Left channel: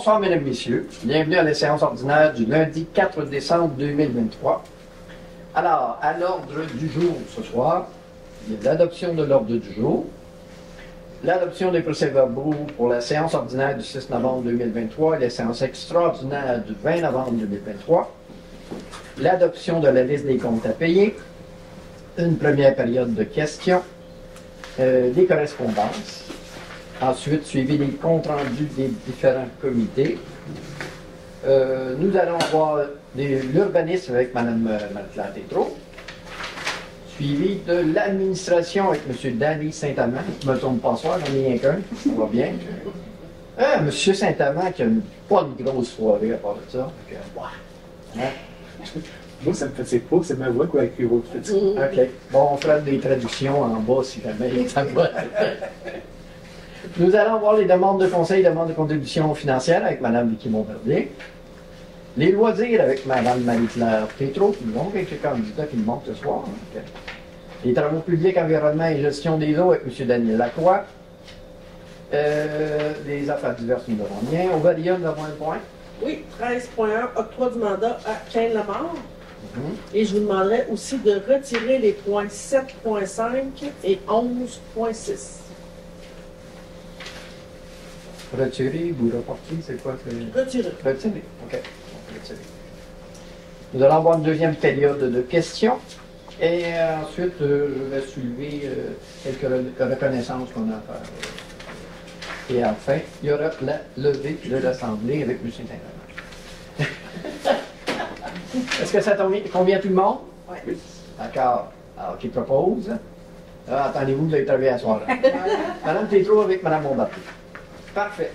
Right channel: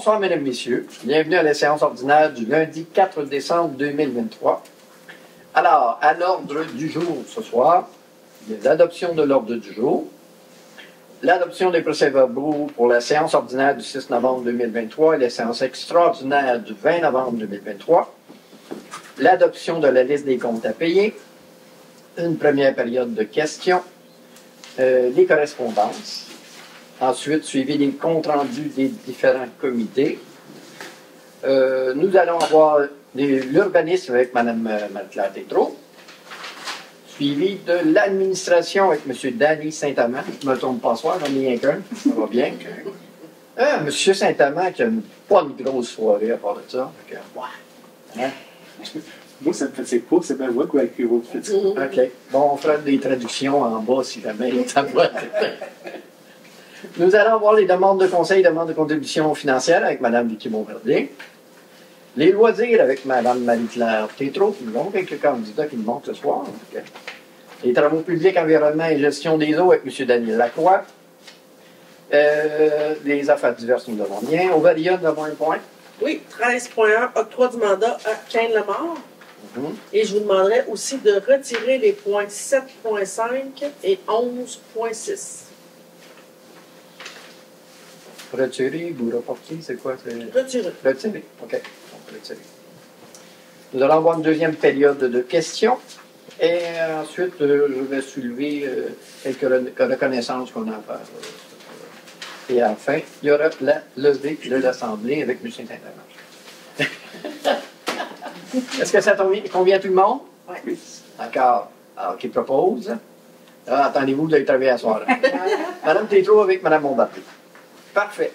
Bonsoir, mesdames, messieurs. Bienvenue à la séance ordinaire du lundi 4 décembre 2023. Alors, à l'ordre du jour ce soir, il y a l'adoption de l'ordre du jour, l'adoption des procès-verbaux pour la séance ordinaire du 6 novembre 2023 et la séance extraordinaire du 20 novembre 2023, l'adoption de la liste des comptes à payer, une première période de questions, les correspondances, ensuite suivi des comptes rendus des différents comités. Nous allons avoir l'urbanisme avec Mme Marie-Claire Tétrault, suivi de l'administration avec M. Danny Saint-Amand. Je ne me trompe pas soir, j'en ai rien qu'un, ça va bien. M. Saint-Amand qui n'a pas une grosse soirée à part de ça. Donc, ouais. Hein? Moi, ça me fatigue pas, c'est ma voix qui va écrire votre petit. OK. Bon, on fera des traductions en bas si jamais ça va. Nous allons voir les demandes de conseil, demandes de contribution financière avec Mme Vicky Bombardier. Les loisirs avec Mme Marie-Claire Tétrault. Nous avons quelques candidats qui nous manquent ce soir. Donc, les travaux publics, environnement et gestion des eaux avec M. Daniel Lacroix. Les affaires diverses, nous avons bien. Ovaria, nous avons un point. Oui, 13.1, octroi du mandat à Cain Lamar. Et je vous demanderai aussi de retirer les points 7.5 et 11.6. Retirer ou reporter, c'est quoi? Retirer. Retirer, OK. Retirer. Nous allons avoir une deuxième période de questions. Et ensuite, je vais soulever quelques reconnaissances qu'on a à faire. Et enfin, il y aura la levée de l'Assemblée avec M. Saint-Amand. Est-ce que ça convient à tout le monde? Oui. D'accord. Alors, qui propose? Attendez-vous d'être arrivé à ce soir-là. Mme Tétrault avec Mme Bombardier. Parfait.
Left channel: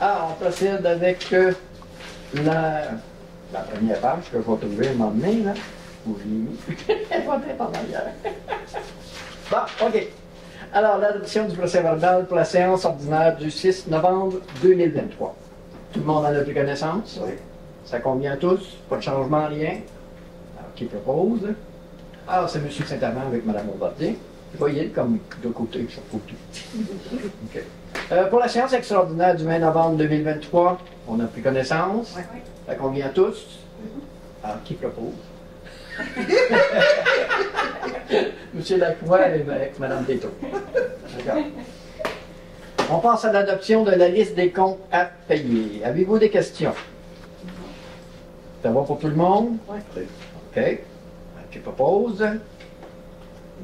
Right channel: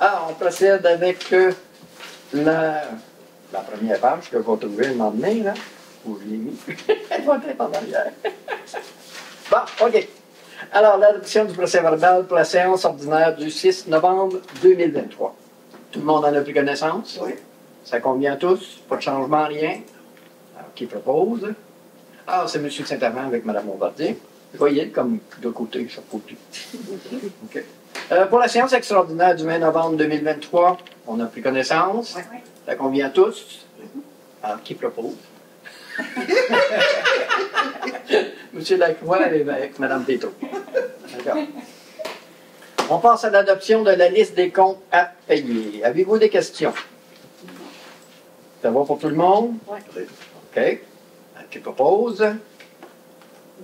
Alors, on procède avec la première page que je vais trouver le lendemain, là, où je l'ai mis. Elle va être en arrière. Bon, OK. Alors, l'adoption du procès-verbal pour la séance ordinaire du 6 novembre 2023. Tout le monde en a pris connaissance? Oui. Ça convient à tous? Pas de changement, rien? Alors, qui propose? Alors, c'est M. Saint-Amand avec Mme Bombardier. Voyez comme de côté, sur côté. OK. Pour la séance extraordinaire du 20 novembre 2023, on a pris connaissance. Oui. Ça convient à tous? Alors, qui propose? M. Lacroix et Mme Tétrault. D'accord. On passe à l'adoption de la liste des comptes à payer. Avez-vous des questions? Ça va pour tout le monde? Oui. OK. Qui propose?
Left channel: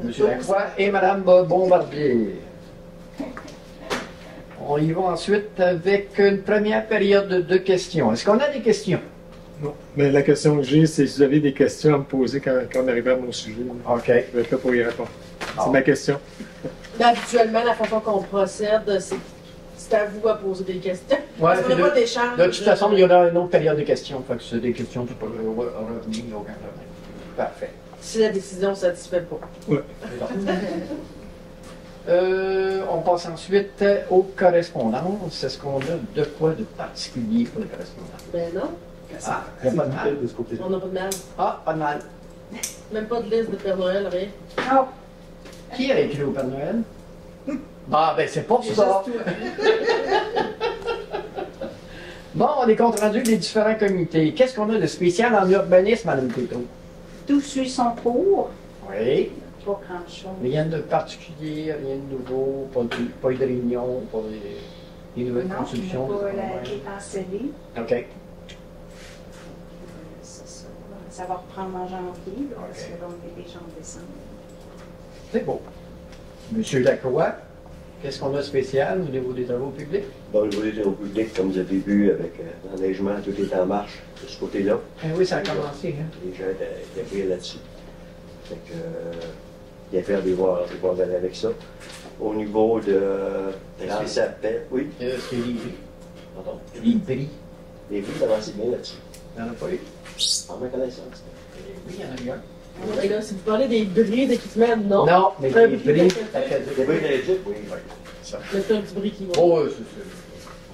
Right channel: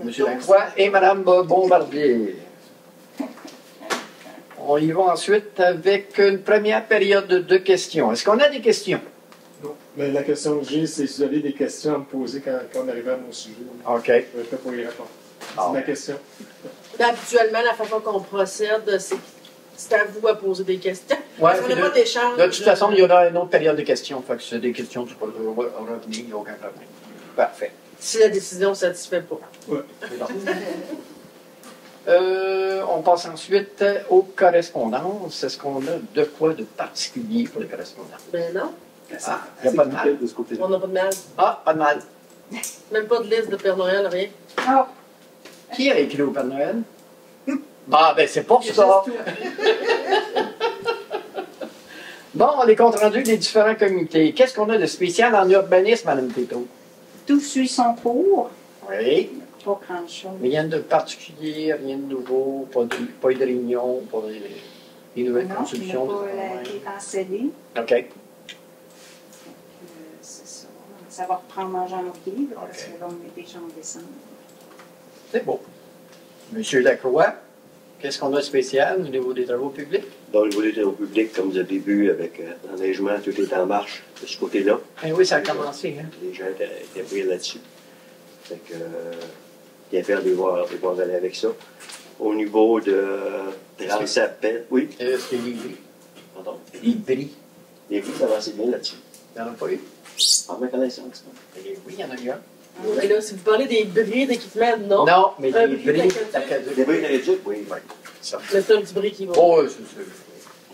M. Lacroix et Mme Bombardier. On y va ensuite avec une première période de questions. Est-ce qu'on a des questions? Non. Mais la question que j'ai, c'est si vous avez des questions à me poser quand on arrive à mon sujet. OK. Je vais être là pour y répondre. C'est ma question. Ben, habituellement, la façon qu'on procède, c'est à vous à poser des questions. Ouais, Parce qu'on n'a pas d'échange. De toute façon, il y aura une autre période de questions. Fait que si c'est des questions, tu peux revenir, il n'y a aucun problème. Parfait. Si la décision ne satisfait pas. Oui. On passe ensuite aux correspondances. Est-ce qu'on a de quoi de particulier pour les correspondances? Ben non. Ah, il n'y a pas de mal. De ce côté-là. On n'a pas de mal. Ah, pas de mal. Même pas de liste de Père Noël, rien. Oh. Qui a écrit au Père Noël? Ah, ben c'est pour ça. Bon, les comptes rendus des différents comités. Qu'est-ce qu'on a de spécial en urbanisme, Mme Tétrault? Tout suit son cours. Oui. Pas grand-chose. Rien de particulier, rien de nouveau, pas eu de réunion, pas des nouvelles Non, constructions. qui n'a pas été cancellé. OK. C'est ça. Ça va reprendre en janvier, parce que là, on est déjà en décembre. C'est beau. Monsieur Lacroix, qu'est-ce qu'on a de spécial au niveau des travaux publics? Bon, au niveau des travaux publics, comme vous avez vu, avec l'enneigement, tout est en marche de ce côté-là. Eh oui, ça a commencé. Hein? Les gens étaient pris là-dessus. Fait que, il y a faire devoir aller avec ça. Au niveau de Transapel, oui. C'est les bris. Pardon? Les bris. Les prix, ça avancé bien là-dessus. Il n'y en a pas eu. En ma connaissance. Les bris, il y en a eu un. Mais là, si vous parlez des bris d'équipement, non. Non, mais Un les bris bris, d'accueil. Les prix d'éduc, oui. ça. Mais c'est un petit bris qui va. Oh, oui,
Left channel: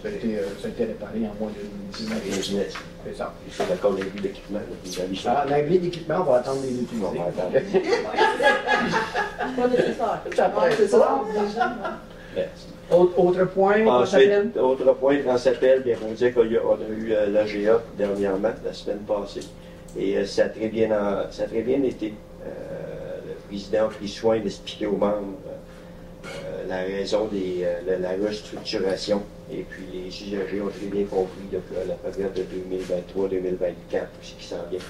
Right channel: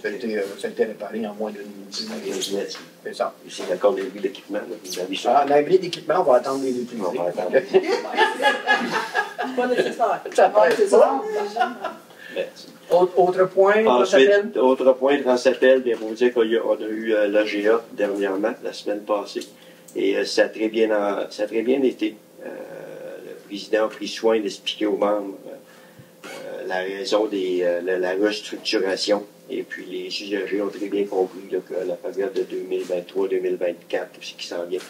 ça a été réparé en moins d'une dizaine d'années. C'est ça. Ici, d'accord, les prix d'équipement, vous avez Ah, ça. l'abri d'équipement, on va attendre les utiliser. On va attendre. Pas nécessaire. Ça va, c'est ça. Merci. Autre point, Ensuite, autre point, Transappel, bien, on dit qu'on a eu l'AGA dernièrement, la semaine passée, et ça a très bien été. Le président a pris soin d'expliquer aux membres la raison de la restructuration, et puis les usagers ont très bien compris là, que la période de 2023-2024, tout ce qui s'en vient,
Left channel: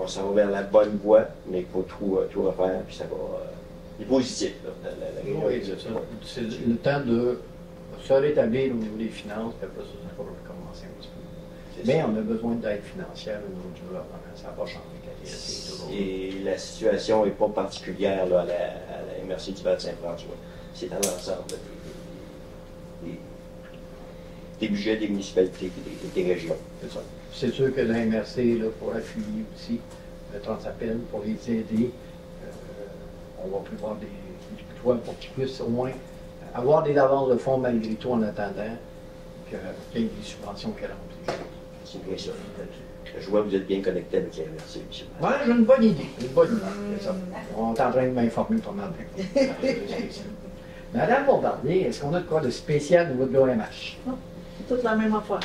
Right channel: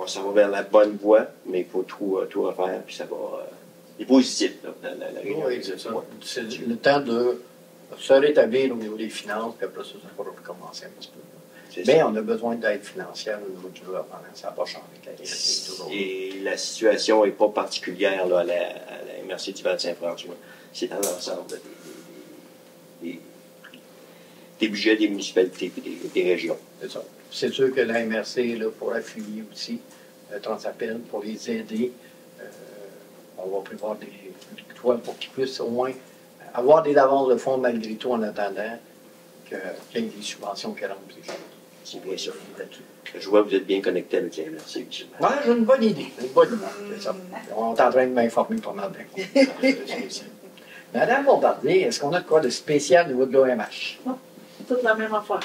on s'en va vers la bonne voie, mais il faut tout refaire, puis ça va... C'est positif, là, la réunion. Oui, c'est ça. C'est le temps de se rétablir au niveau des finances, puis après ça, ça va recommencer un petit peu. Mais on a besoin d'aide financière au niveau du gouvernement. Ça n'a pas changé. Et la situation n'est pas particulière là, à la MRC du Val-Saint-François. C'est dans l'ensemble des budgets des municipalités et des régions. C'est ça. C'est sûr que la MRC là, pourra appuyer aussi le Transappel pour les aider. On va prévoir des toits pour qu'ils puissent au moins avoir des avances de fonds malgré tout en attendant qu'il y ait des subventions qui rentrent. C'est bien ça. Je vois que vous êtes bien connecté avec la MRC. Oui, j'ai une bonne idée. C'est ça. On est en train de m'informer pas mal bien. Madame Bombardier, est-ce qu'on a de quoi de spécial au niveau de l'OMH? C'est toute la même affaire.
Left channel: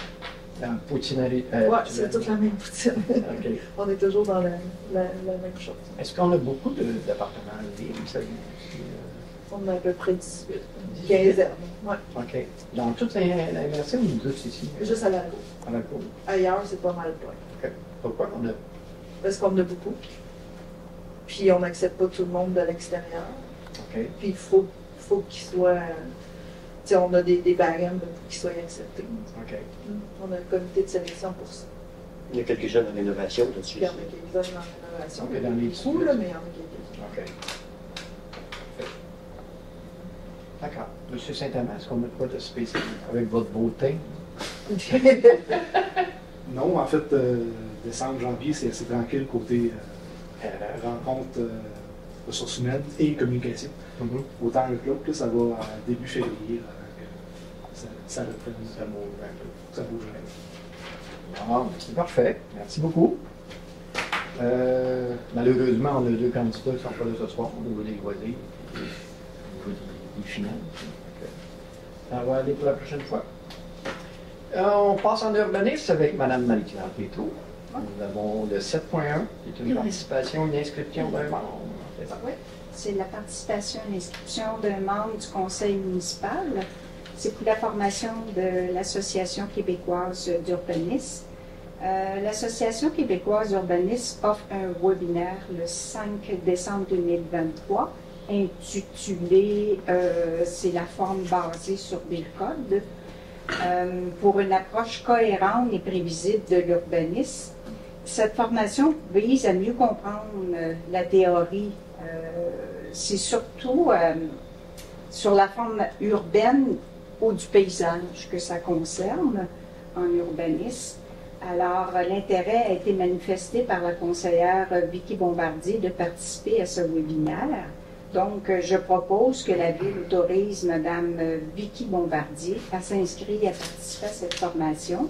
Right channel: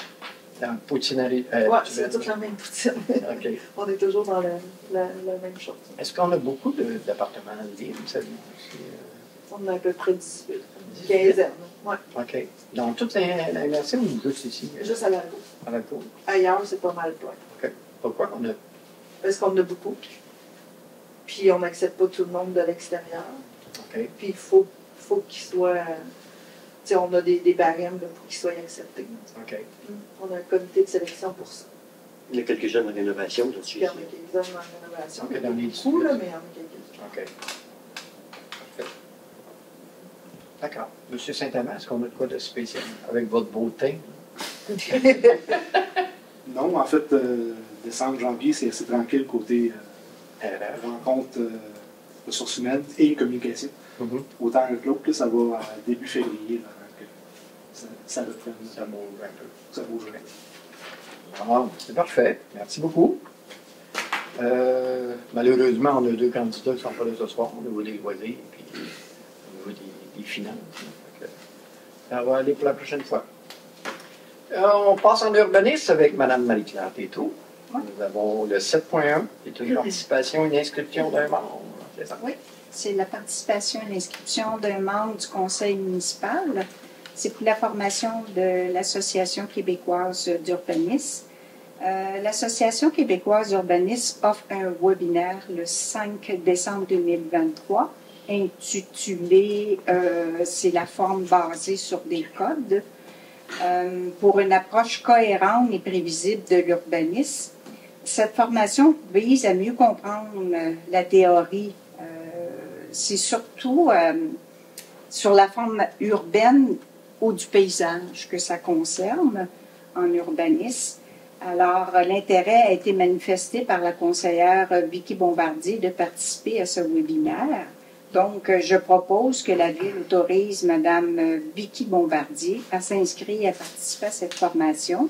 Dans la poutinerie. Oui, c'est toute la même poutine. OK. On est toujours dans la même chose. Est-ce qu'on a beaucoup d'appartements à dire, vous savez? On a à peu près 18, 15 ans. Ouais. OK. Dans toute la MRC ou juste ici? Juste à la cour. À la cour. Ailleurs, c'est pas mal plein. OK. Pourquoi on a? Parce qu'on a beaucoup. Puis on n'accepte pas tout le monde de l'extérieur. OK. Puis il faut qu'ils soient. Tu sais, on a des barèmes pour qu'ils soient acceptés. OK. On a un comité de sélection pour ça. Il y a quelques jeunes en rénovation là-dessus. Puis il y en a quelques-uns en rénovation. OK, dans les Beaucoup, là, mais il y en a quelques-uns. OK. D'accord. Monsieur Saint-Amand, est-ce qu'on a de quoi de spécial avec votre beau teint? Non, en fait, décembre, janvier, c'est assez tranquille côté rencontre ressources humaines et communication. Autant un club, là, ça va à début février, là, ça reprend. Ça vaut un peu. Ça bouge un peu. Ah, c'est parfait. Merci beaucoup. Malheureusement, on a deux candidats qui ne sont pas là ce soir au niveau des loisirs et au niveau des finances. Donc, ça va aller pour la prochaine fois. On passe en urbanisme avec Mme Marie-Claire Pétro. Oui. Nous avons le 7.1, qui est une participation, une inscription d'un membre. C'est ça? Oui, c'est la participation et l'inscription d'un membre du conseil municipal. C'est pour la formation de l'Association québécoise d'urbanisme. L'Association québécoise d'urbanisme offre un webinaire le 5 décembre 2023 intitulé c'est la forme basée sur des codes pour une approche cohérente et prévisible de l'urbanisme. Cette formation vise à mieux comprendre la théorie. C'est surtout sur la forme urbaine ou du paysage que ça concerne en urbanisme. Alors, l'intérêt a été manifesté par la conseillère Vicky Bombardier de participer à ce webinaire. Donc, je propose que la Ville autorise Mme Vicky Bombardier à s'inscrire et à participer à cette formation.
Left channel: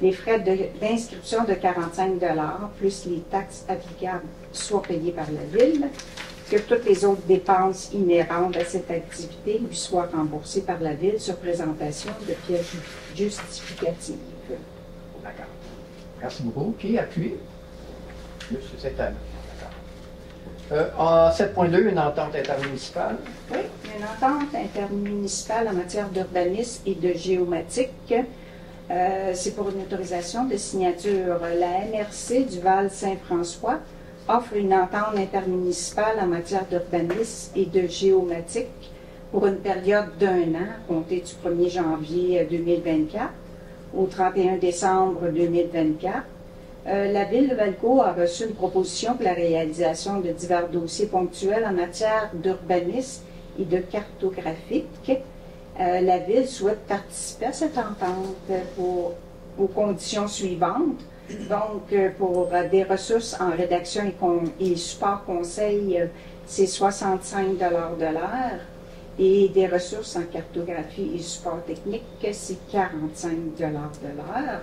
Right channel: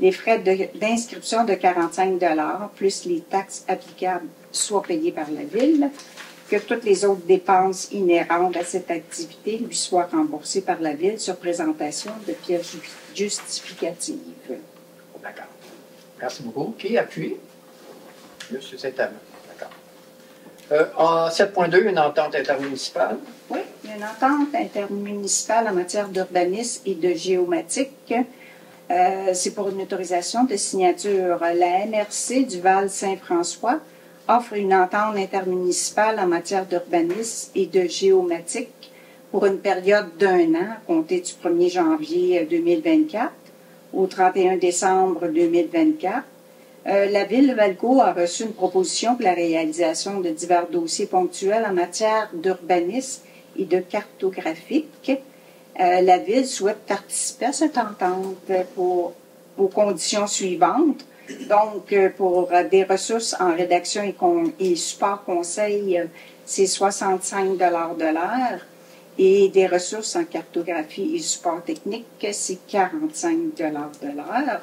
Les frais d'inscription de 45 $ plus les taxes applicables soient payés par la Ville, que toutes les autres dépenses inhérentes à cette activité lui soient remboursées par la Ville sur présentation de pièces justificatives. D'accord. Merci beaucoup. Qui appuie? Monsieur Saint-Amand. D'accord. En 7.2, une entente intermunicipale. Oui, une entente intermunicipale en matière d'urbanisme et de géomatique. C'est pour une autorisation de signature. La MRC du Val-Saint-François offre une entente intermunicipale en matière d'urbanisme et de géomatique pour une période d'1 an, comptée du 1er janvier 2024 au 31 décembre 2024. La Ville de Valcourt a reçu une proposition pour la réalisation de divers dossiers ponctuels en matière d'urbanisme et de cartographique. La Ville souhaite participer à cette entente aux conditions suivantes. Donc, pour des ressources en rédaction et support conseil, c'est 65 $ de l'heure. Et des ressources en cartographie et support technique, c'est 45 $ de l'heure.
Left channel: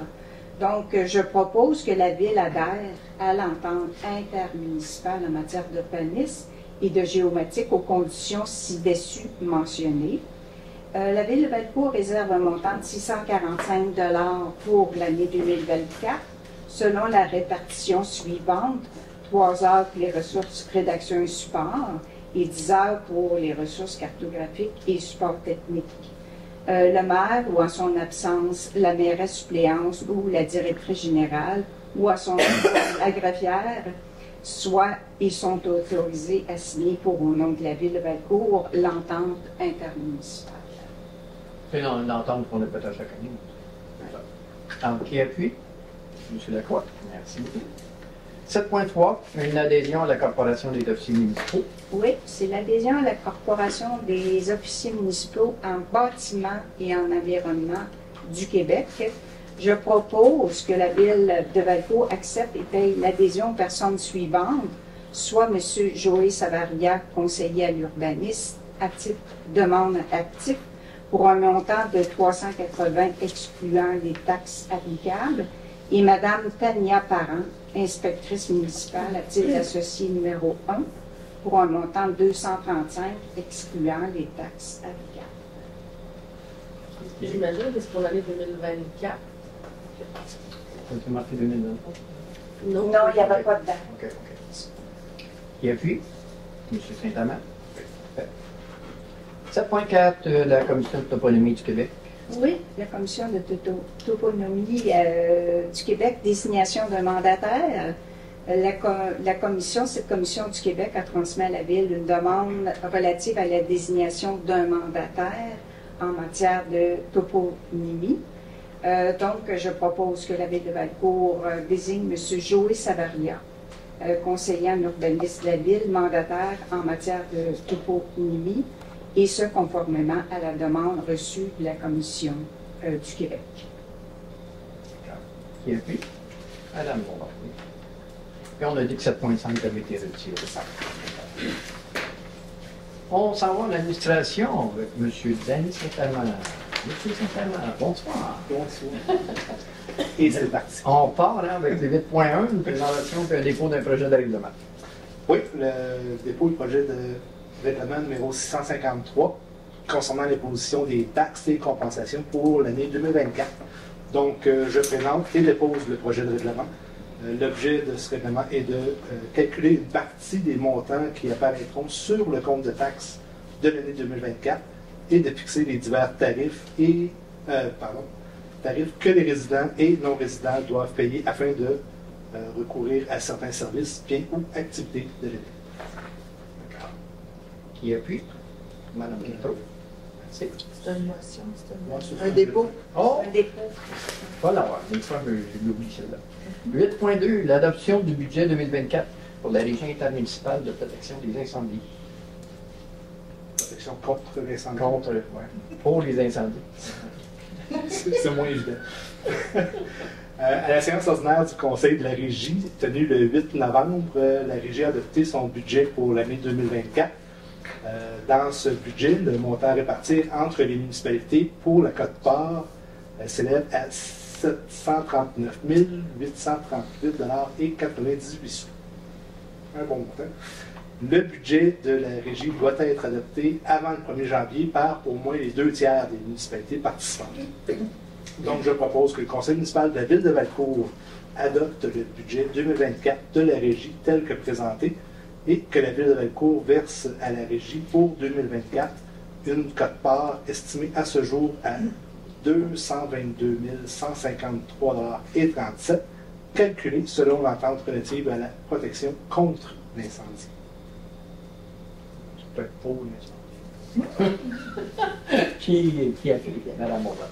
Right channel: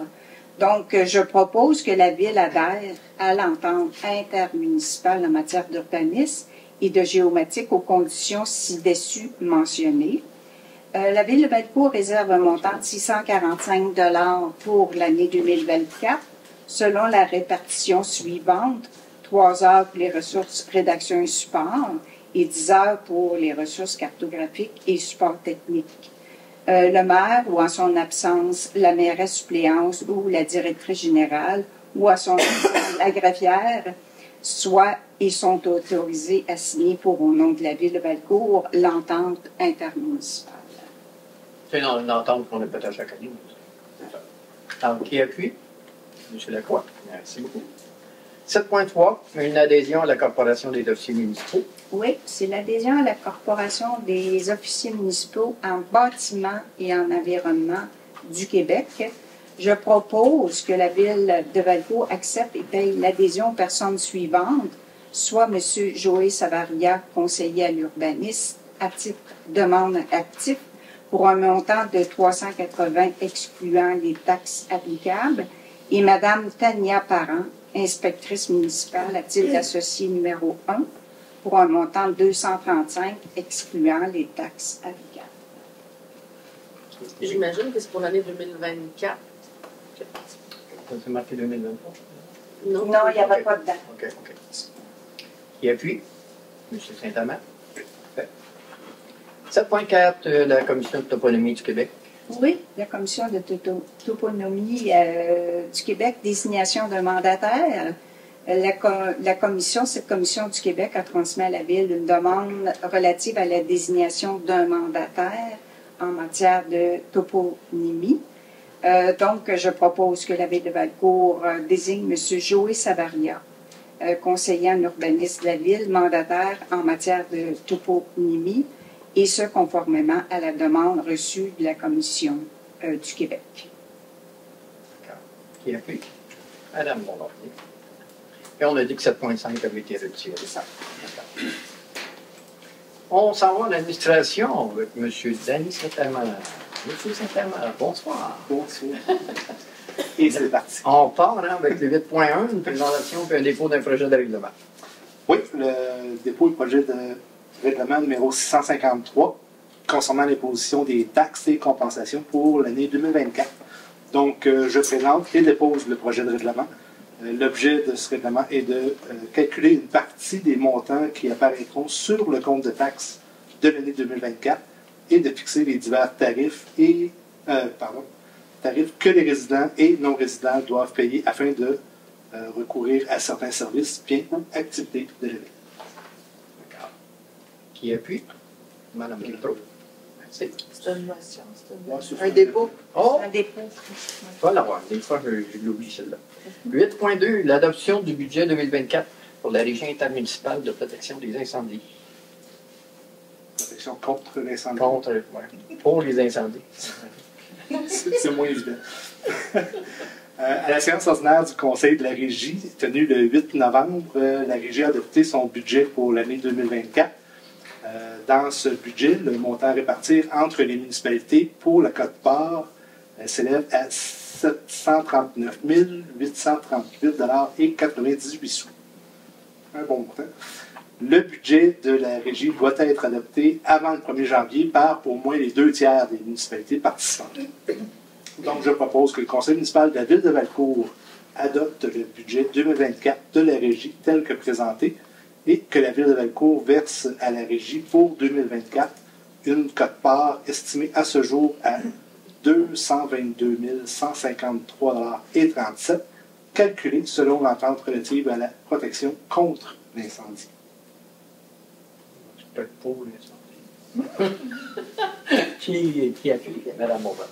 Donc, je propose que la Ville adhère à l'entente intermunicipale en matière d'urbanisme et de géomatique aux conditions ci-dessus mentionnées. La Ville de Valcourt réserve un montant de 645 $ pour l'année 2024, selon la répartition suivante: 3 heures pour les ressources rédaction et support et 10 heures pour les ressources cartographiques et support technique. Le maire, ou en son absence, la mairesse suppléante ou la directrice générale, ou à son absence, la greffière, soit et sont autorisés à signer pour au nom de la Ville de Valcourt l'entente intermunicipale. C'est une entente qu'on a faite à chaque année. Alors, qui appuie? M. Lacroix. Merci beaucoup. 7.3, une adhésion à la Corporation des officiers municipaux. Oui, c'est l'adhésion à la Corporation des officiers municipaux en bâtiment et en environnement du Québec. Je propose que la Ville de Valcourt accepte et paye l'adhésion aux personnes suivantes, soit M. Joël Savaria, conseiller à l'urbanisme, à titre demande actif, pour un montant de 380 excluant les taxes applicables, et Mme Tania Parent, inspectrice municipale à titre d'associé numéro 1, pour un montant de 235 excluant les taxes applicables. J'imagine que c'est pour l'année 2024. C'est marqué 2023. Non, il n'y avait pas de date. OK. Qui appuie? M. Saint-Amand. 7.4, la Commission de toponymie du Québec. Oui, la Commission de toponymie du Québec, désignation d'un mandataire. Cette commission du Québec a transmis à la Ville une demande relative à la désignation d'un mandataire en matière de toponymie. Donc, je propose que la Ville de Valcourt désigne M. Joël Savaria, conseiller en urbanisme de la Ville, mandataire en matière de toponymie, et ce, conformément à la demande reçue de la Commission du Québec. Qui appuie? Madame Bombardier. Et on a dit que 7.5 avait été retiré. On s'en va à l'administration avec M. Denis Saint-Amand. M. Saint-Amand, bonsoir. Bonsoir. Et c'est parti. On part avec le 8.1, une présentation et un dépôt d'un projet de règlement. Oui, le dépôt du projet de règlement numéro 653 concernant l'imposition des taxes et compensations pour l'année 2024. Donc, je présente et dépose le projet de règlement. L'objet de ce règlement est de calculer une partie des montants qui apparaîtront sur le compte de taxes de l'année 2024 et de fixer les divers tarifs que les résidents et non-résidents doivent payer afin de recourir à certains services, biens ou activités de l'année. Qui appuie? Madame Guilbeault. Merci. C'est une motion, c'est Un dépôt. Oh! Un dépôt. Voilà, des fois, je l'oublie celle-là. 8.2, l'adoption du budget 2024 pour la Régie intermunicipale de protection des incendies. Protection contre l'incendie. Pour les incendies. C'est moins évident. À la séance ordinaire du Conseil de la Régie, tenue le 8 novembre, la Régie a adopté son budget pour l'année 2024. Dans ce budget, le montant à répartir entre les municipalités pour la quote-part s'élève à 739 838,98 $. Un bon montant. Le budget de la Régie doit être adopté avant le 1er janvier par au moins les 2/3 des municipalités participantes. Donc, je propose que le Conseil municipal de la Ville de Valcourt adopte le budget 2024 de la Régie tel que présenté et que la Ville de Valcourt verse à la Régie pour 2024 une quote-part estimée à ce jour à 222 153,37 $, calculée selon l'entente relative à la protection contre l'incendie. C'est peut-être pour l'incendie. Qui appuie? Madame Bombardier.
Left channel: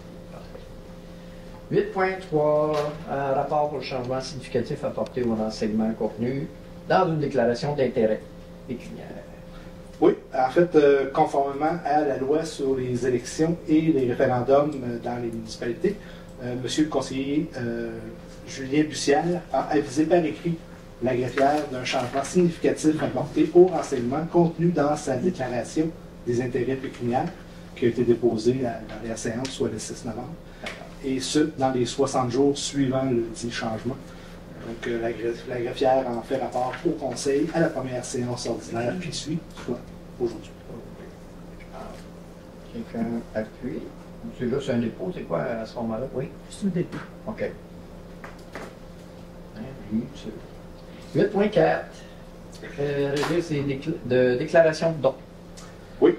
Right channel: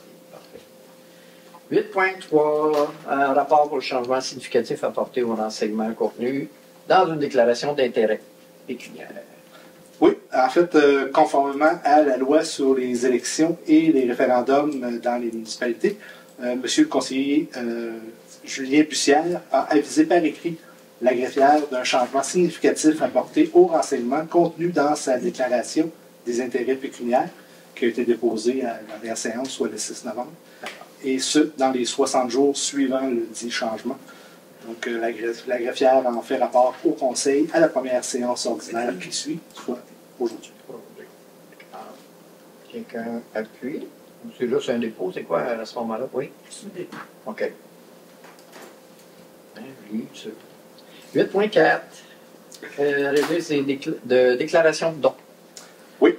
8.3, un rapport pour le changement significatif apporté au renseignement contenu dans une déclaration d'intérêt pécuniaire. Oui, en fait, conformément à la loi sur les élections et les référendums dans les municipalités, Monsieur le conseiller Julien Bussière a avisé par écrit la greffière d'un changement significatif apporté au renseignement contenu dans sa déclaration des intérêts pécuniaires qui a été déposée à la dernière séance, soit le 6 novembre. Et ce, dans les 60 jours suivant le dit changement. Donc, la greffière en fait rapport au conseil à la première séance ordinaire qui suit, soit aujourd'hui. Quelqu'un appuie. C'est juste un dépôt, c'est quoi à ce moment-là? Oui? C'est un dépôt. OK. 8.4. Registre de déclaration de dons. Oui,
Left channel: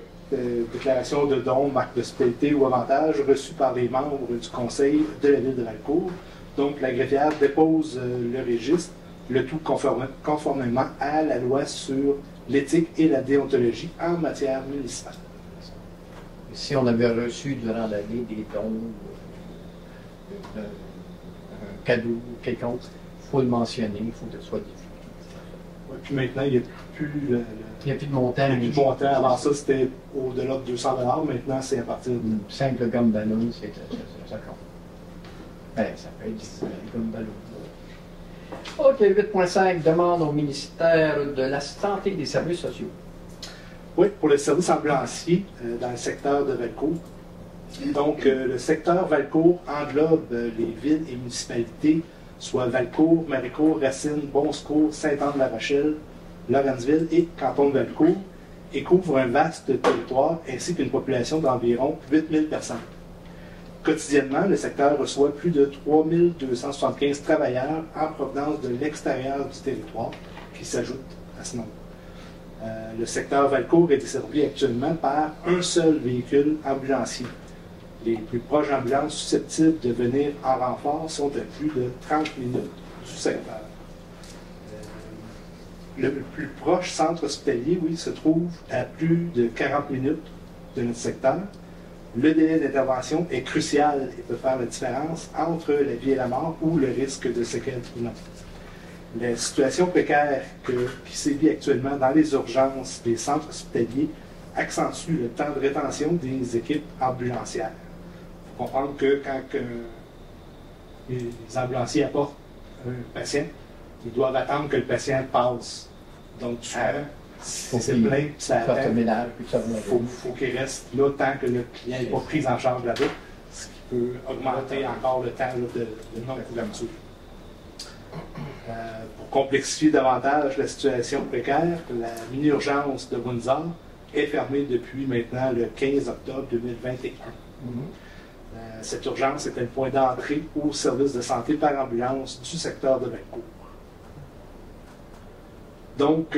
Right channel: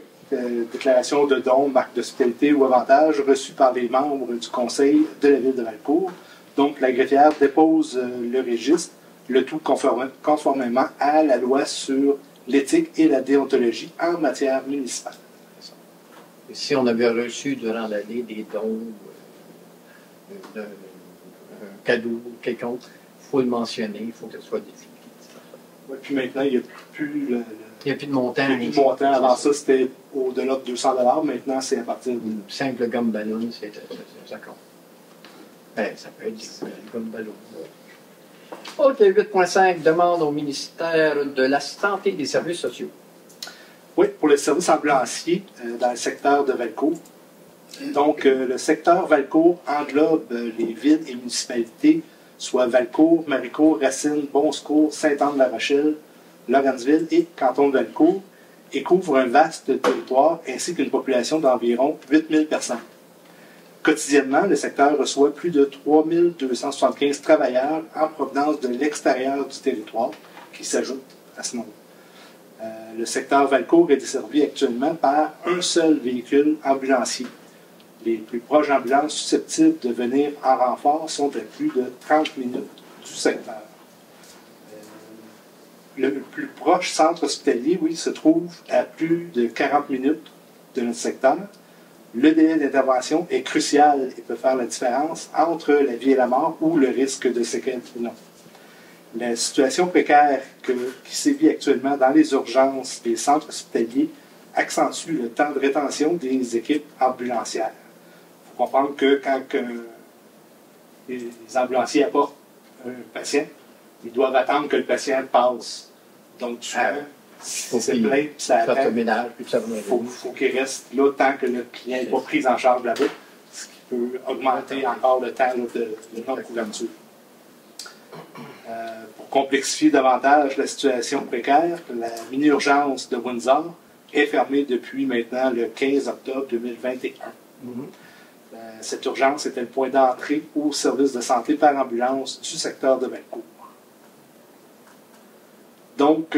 déclaration de dons, marque d'hospitalité ou avantage reçus par les membres du conseil de la ville de Valcourt. Donc, la greffière dépose le registre, le tout conformément à la loi sur l'éthique et la déontologie en matière municipale. Et si on avait reçu durant l'année des dons, un cadeau quelconque, il faut le mentionner, il faut que ce soit dédié. Ouais, puis maintenant, il n'y a plus Il n'y a plus de montant. il y a plus de montant. Avant ça, c'était au-delà de 200 $. Maintenant, c'est à partir de... Une simple gomme ballon, c'est ça compte. Ben, ça peut être une gomme ballon. OK, 8.5, demande au ministère de la Santé et des Services sociaux. Oui, pour les services ambulanciers dans le secteur de Valcourt. Donc, le secteur Valcourt englobe les villes et municipalités, soit Valcourt, Maricourt, Racine, Bon-Secours, Sainte-Anne-de-la-Rochelle, Lawrenceville et canton de Valcourt, et couvre un vaste territoire ainsi qu'une population d'environ 8000 personnes. Quotidiennement, le secteur reçoit plus de 3275 travailleurs en provenance de l'extérieur du territoire qui s'ajoutent à ce nombre. Le secteur Valcourt est desservi actuellement par un seul véhicule ambulancier. Les plus proches ambulances susceptibles de venir en renfort sont à plus de 30 minutes du secteur. Le plus proche centre hospitalier, oui, se trouve à plus de 40 minutes de notre secteur. Le délai d'intervention est crucial et peut faire la différence entre la vie et la mort ou le risque de séquelles ou non. La situation précaire qui sévit actuellement dans les urgences des centres hospitaliers accentue le temps de rétention des équipes ambulancières. Il faut comprendre que quand les ambulanciers apportent un patient, ils doivent attendre que le patient passe. Donc, si c'est plein, puis ça attend, il faut qu'il reste là tant que le client n'est pas pris en charge là-bas, ce qui peut augmenter encore le temps de non-couverture. Pour complexifier davantage la situation précaire, la mini-urgence de Windsor est fermée depuis maintenant le 15 octobre 2021. Cette urgence était le point d'entrée au service de santé par ambulance du secteur de Valcourt. Donc,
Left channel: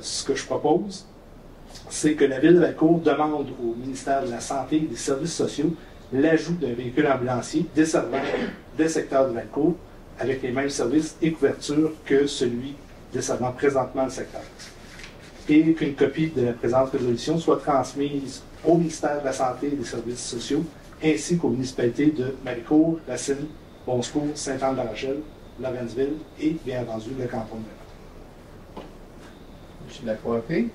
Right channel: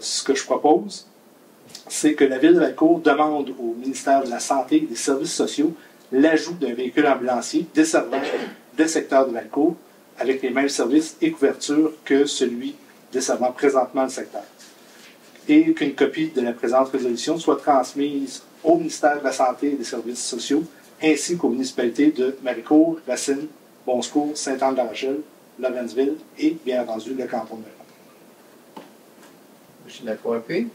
ce que je propose, c'est que la Ville de Valcourt demande au ministère de la Santé et des Services sociaux l'ajout d'un véhicule ambulancier desservant le secteur de Valcourt avec les mêmes services et couvertures que celui desservant présentement le secteur. Et qu'une copie de la présente résolution soit transmise au ministère de la Santé et des Services sociaux ainsi qu'aux municipalités de Maricourt, Racine, Bon-Secours, Sainte-Anne-de-la-Rochelle, Lawrenceville et, bien entendu, le canton de Valcourt. Je suis d'accord avec.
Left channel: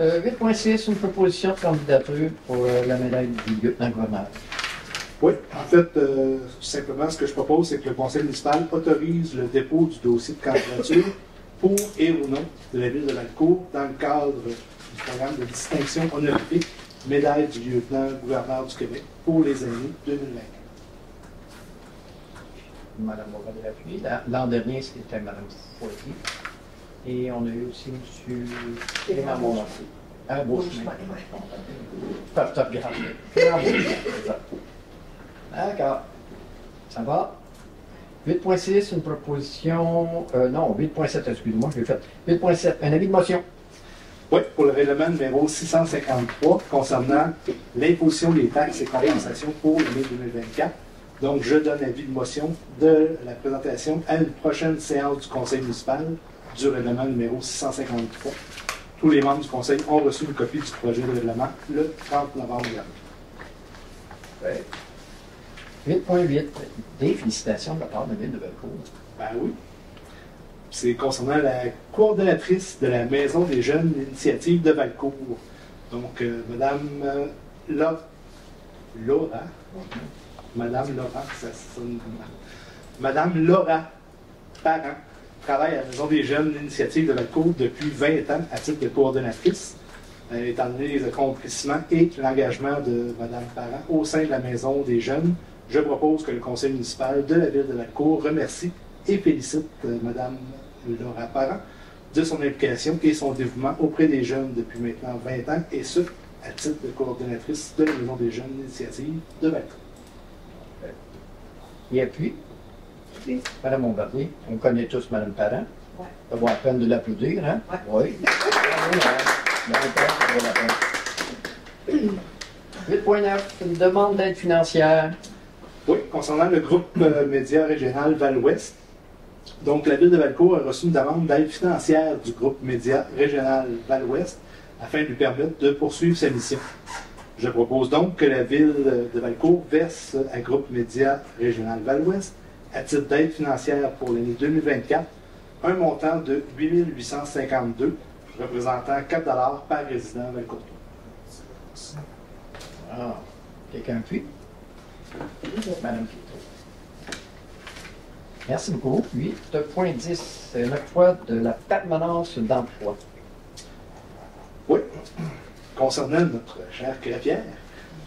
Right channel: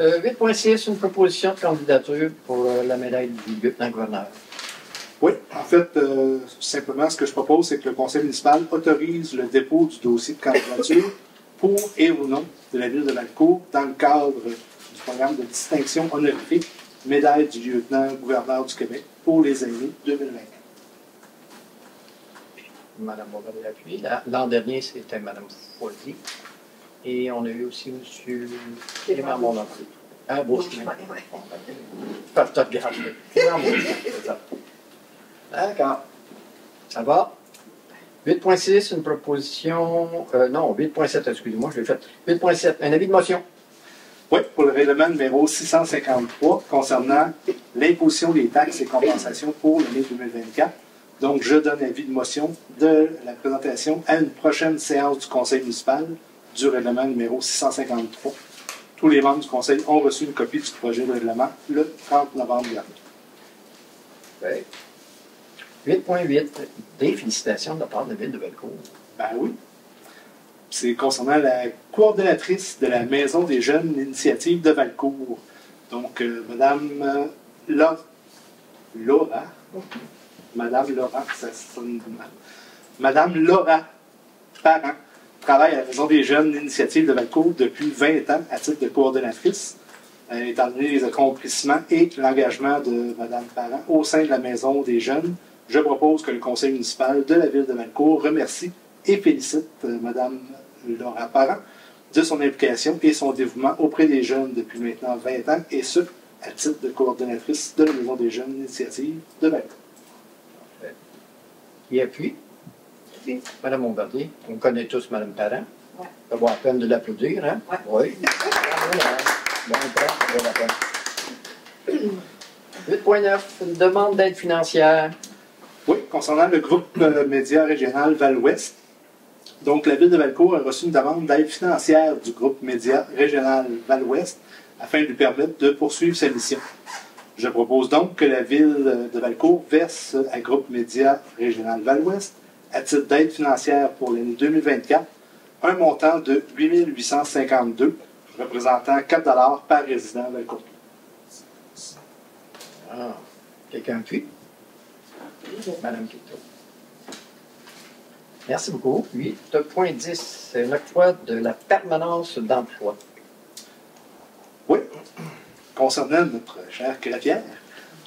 8.6, une proposition de candidature pour la médaille du lieutenant-gouverneur. Oui, en fait, simplement, ce que je propose, c'est que le conseil municipal autorise le dépôt du dossier de candidature pour et au nom de la ville de Valcourt dans le cadre du programme de distinction honorifique médaille du lieutenant-gouverneur du Québec pour les années 2020. Madame Bourgogne-Appui. L'an dernier, c'était Madame Forty. Et on a eu aussi M. Clément Beaumont. Ah, bon, je te regarder. D'accord. Ça va. 8.6, une proposition... non, 8.7, excusez-moi, je l'ai fait. 8.7, un avis de motion. Oui, pour le règlement numéro 653 concernant l'imposition des taxes et compensations pour l'année 2024. Donc, je donne avis de motion de la présentation à une prochaine séance du conseil municipal du règlement numéro 653. Tous les membres du conseil ont reçu une copie du projet de règlement le 30 novembre dernier. Oui. 8.8, des félicitations de la part de la ville de Valcourt. Ben oui. C'est concernant la coordonnatrice de la Maison des jeunes d'initiative de Valcourt. Donc, Madame Laura. Madame Laura, ça sonne mal. Madame Laura Parent travaille à la Maison des jeunes d'initiative de Valcourt depuis 20 ans à titre de coordonnatrice, étant donné les accomplissements et l'engagement de Madame Parent au sein de la Maison des jeunes. Je propose que le conseil municipal de la ville de Valcourt remercie et félicite Mme Laura Parent de son implication et son dévouement auprès des jeunes depuis maintenant 20 ans, et ce, à titre de coordonnatrice de la Maison des jeunes initiatives de Valcourt. Et puis, Mme Bombardier, on connaît tous Mme Parent. Ouais. Ça vaut la peine de l'applaudir, hein? Ouais. Oui. 8.9, une demande d'aide financière. Oui, concernant le groupe média régional Val-Ouest. Donc, la ville de Valcourt a reçu une demande d'aide financière du groupe média régional Val-Ouest afin de lui permettre de poursuivre sa mission. Je propose donc que la ville de Valcourt verse à groupe média régional Val-Ouest, à titre d'aide financière pour l'année 2024, un montant de 8 852, représentant 4 $ par résident Valcourt. Ah, quelqu'un appuie? Madame Quito. Merci beaucoup. 8.10, c'est l'octroi de la permanence d'emploi. Oui, concernant notre chère greffière.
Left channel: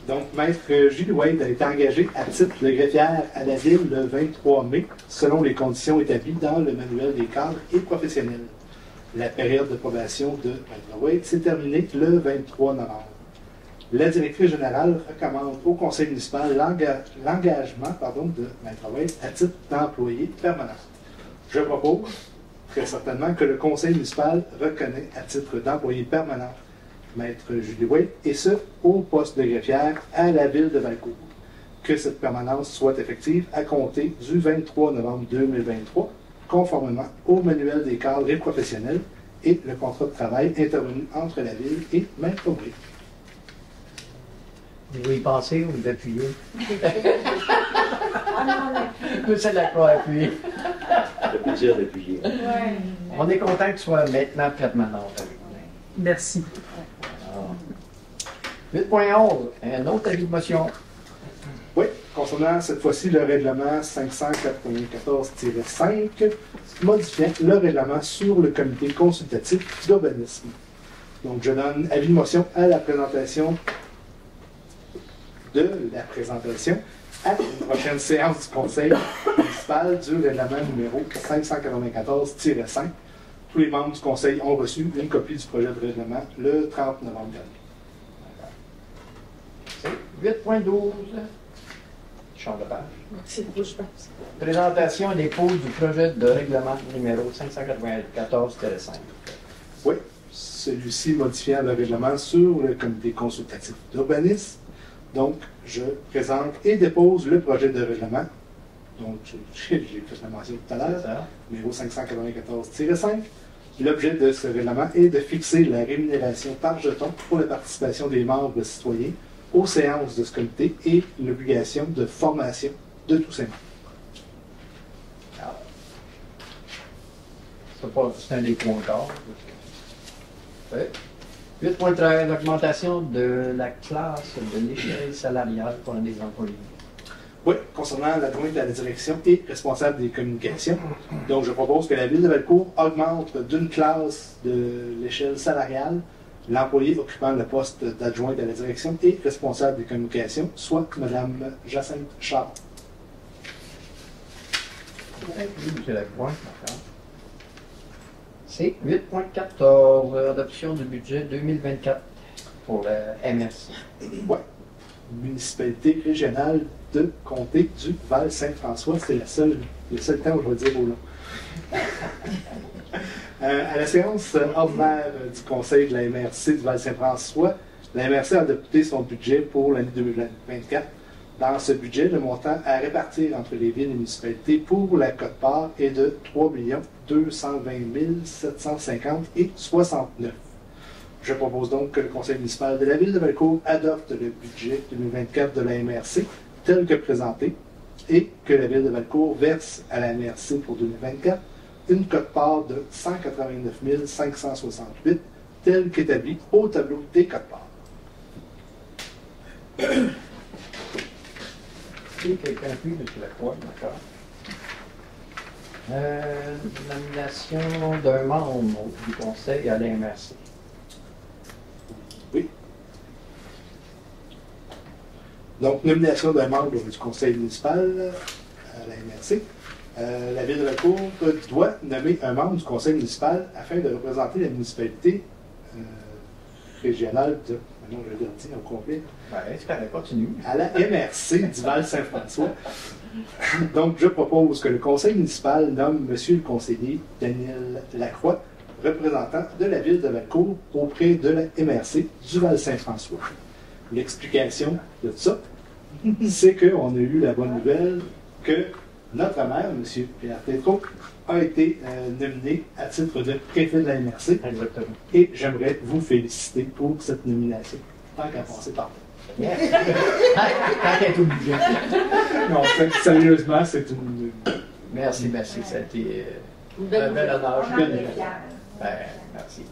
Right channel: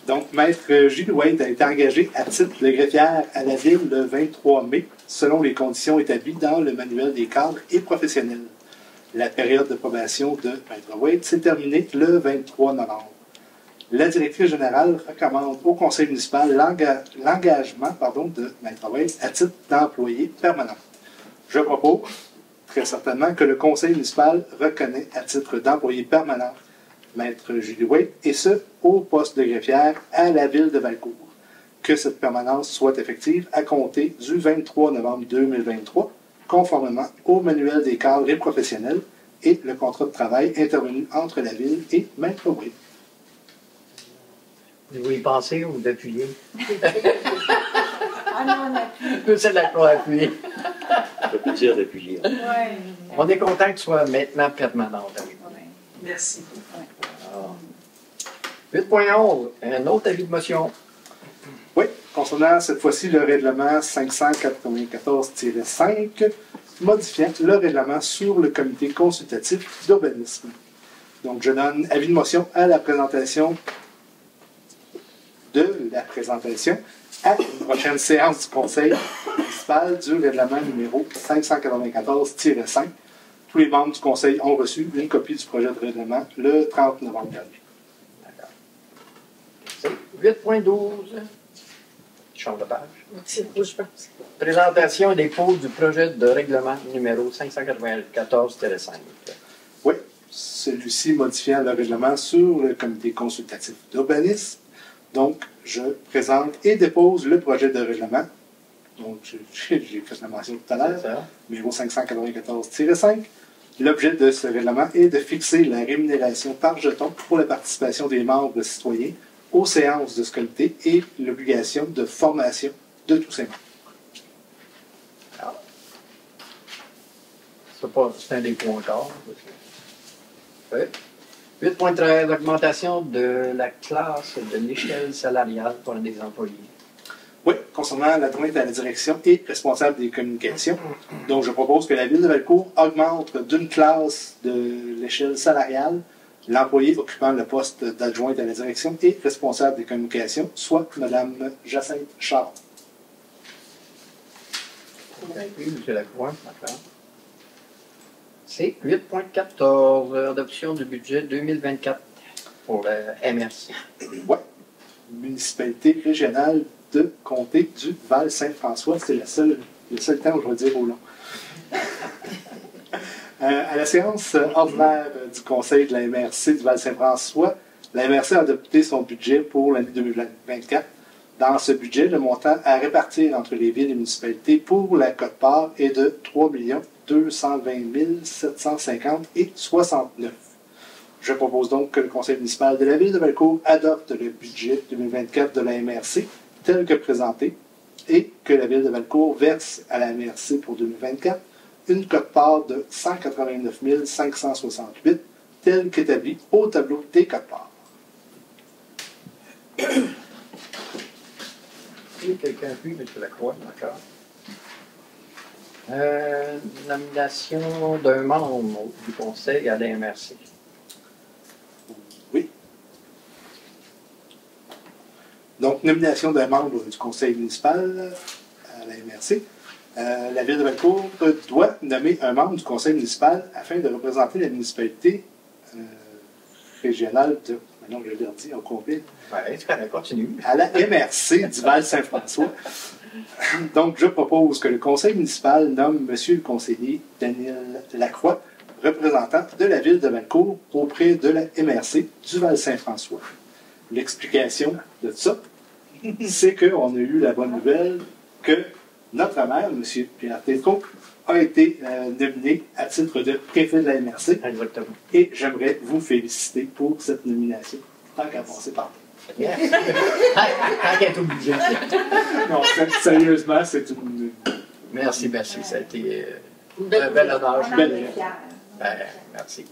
Donc, Maître Gilles Wade a été engagé à titre de greffière à la ville le 23 mai, selon les conditions établies dans le manuel des cadres et professionnels. La période de probation de Maître Wade s'est terminée le 23 novembre. La directrice générale recommande au conseil municipal l'engagement de Maître Wade à titre d'employé permanent. Je propose très certainement que le conseil municipal reconnaît à titre d'employé permanent Maître Julie Wade, et ce, au poste de greffière à la ville de Valcourt. Que cette permanence soit effective à compter du 23 novembre 2023, conformément au manuel des cadres et professionnels et le contrat de travail intervenu entre la ville et Maître Wade. Vous y pensez ou vous appuyez? Ah non, on C'est d'accord, appuyer. Ça peut dire d'appuyer. Ouais. On est content que tu sois maintenant permanente avec nous. Merci. 8.11, un autre avis de motion. Oui, concernant cette fois-ci le règlement 594-5, modifiant le règlement sur le comité consultatif d'urbanisme. Donc, je donne avis de motion à la présentation à une prochaine séance du conseil municipal du règlement numéro 594-5. Tous les membres du conseil ont reçu une copie du projet de règlement le 30 novembre dernier. C'est 8.12. Change de page. C'est rouge, je pense. Présentation et dépôt du projet de règlement numéro 594-5. Oui, celui-ci modifiant le règlement sur le comité consultatif d'urbanisme. Donc, je présente et dépose le projet de règlement. Donc, j'ai fait la mention tout à l'heure, numéro 594-5. L'objet de ce règlement est de fixer la rémunération par jeton pour la participation des membres citoyens aux séances de ce comité et l'obligation de formation de tous ces membres. C'est un des points d'or. 8.13, l'augmentation de la classe de l'échelle salariale pour les employés. Oui, concernant l'adjointe à la direction et responsable des communications. Donc, je propose que la ville de Valcourt augmente d'une classe de l'échelle salariale l'employé occupant le poste d'adjointe à la direction et responsable des communications, soit Mme Jacinthe Charles. Oui, M. Lacroix, d'accord. C'est 8.14, adoption du budget 2024 pour la MRC. Oui, municipalité régionale de comté du Val-Saint-François. C'est le seul temps où je vais dire au long. À la séance ordinaire du conseil de la MRC du Val-Saint-François, la MRC a adopté son budget pour l'année 2024. Dans ce budget, le montant à répartir entre les villes et municipalités pour la quote-part est de 3 220 750 et 69. Je propose donc que le conseil municipal de la ville de Valcourt adopte le budget 2024 de la MRC tel que présenté et que la ville de Valcourt verse à la MRC pour 2024 une quote-part de 189 568 tel qu'établi au tableau des quotes-parts. Et quelqu'un appuie, M. Lacroix, d'accord. Nomination d'un membre du conseil à la MRC. Oui. Donc, nomination d'un membre du conseil municipal à la MRC. La ville de Valcourt doit nommer un membre du conseil municipal afin de représenter la municipalité régionale de... Non, je l'ai dit au complet. Ouais, tu connais, continue. À la MRC du Val-Saint-François. Donc, je propose que le conseil municipal nomme M. le conseiller Daniel Lacroix, représentant de la ville de Valcourt auprès de la MRC du Val-Saint-François. L'explication de ça, c'est qu'on a eu la bonne nouvelle que notre maire, M. Pierre Tétrault, a été nominé à titre de préfet de la MRC. Exactement. Et j'aimerais vous féliciter pour cette nomination, tant qu'à passer par là. Tant qu'elle est obligée. Non, sérieusement, c'est une... Merci, merci. Ça a été un Belle bel honneur. On en belle est idée. fiers. Ben, merci.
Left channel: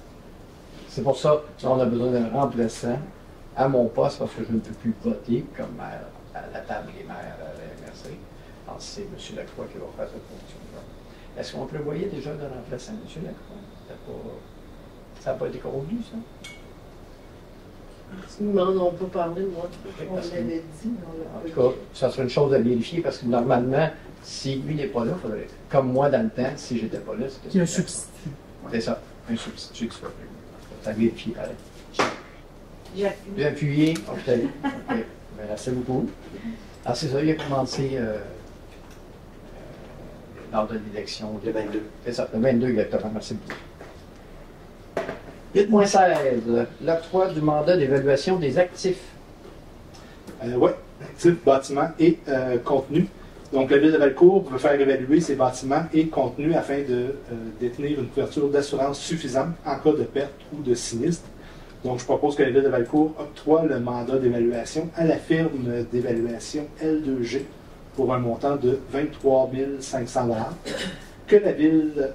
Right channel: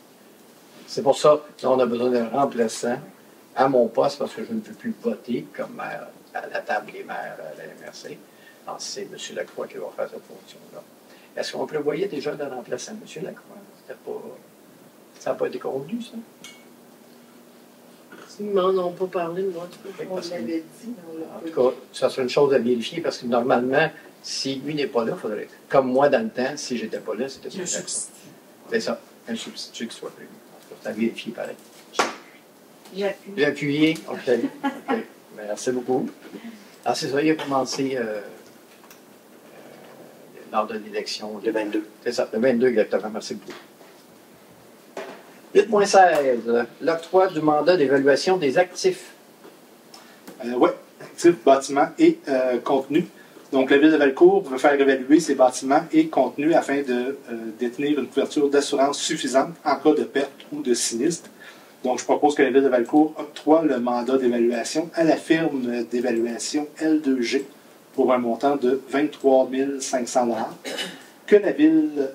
C'est pour ça qu'on a besoin d'un remplaçant à mon poste parce que je ne peux plus voter comme maire à la table des maires à la MRC. Alors, c'est M. Lacroix qui va faire cette fonction-là. Est-ce qu'on prévoyait déjà de remplacer M. Lacroix? Ça n'a pas été convenu, ça? Ils m'en ont pas parlé, moi. On l'avait dit. En tout cas, ça serait une chose à vérifier parce que normalement, si lui n'est pas là, il faudrait. Comme moi, dans le temps, si j'étais pas là, c'était Il y a un ça. substitut. C'est ça, un substitut qui soit pris. Ça à vérifier pareil. J'ai J'ai appuyé. OK. OK. Merci beaucoup. Alors, c'est ça, il a commencé lors de l'élection. Le 22. C'est ça, le 22 exactement. Merci beaucoup. 8.16. L'octroi du mandat d'évaluation des actifs. Oui, actifs, bâtiments et contenus. Donc, la ville de Valcourt veut faire évaluer ces bâtiments et contenus afin de détenir une couverture d'assurance suffisante en cas de perte ou de sinistre. Donc, je propose que la ville de Valcourt octroie le mandat d'évaluation à la firme d'évaluation L2G pour un montant de 23 500 $. Que la ville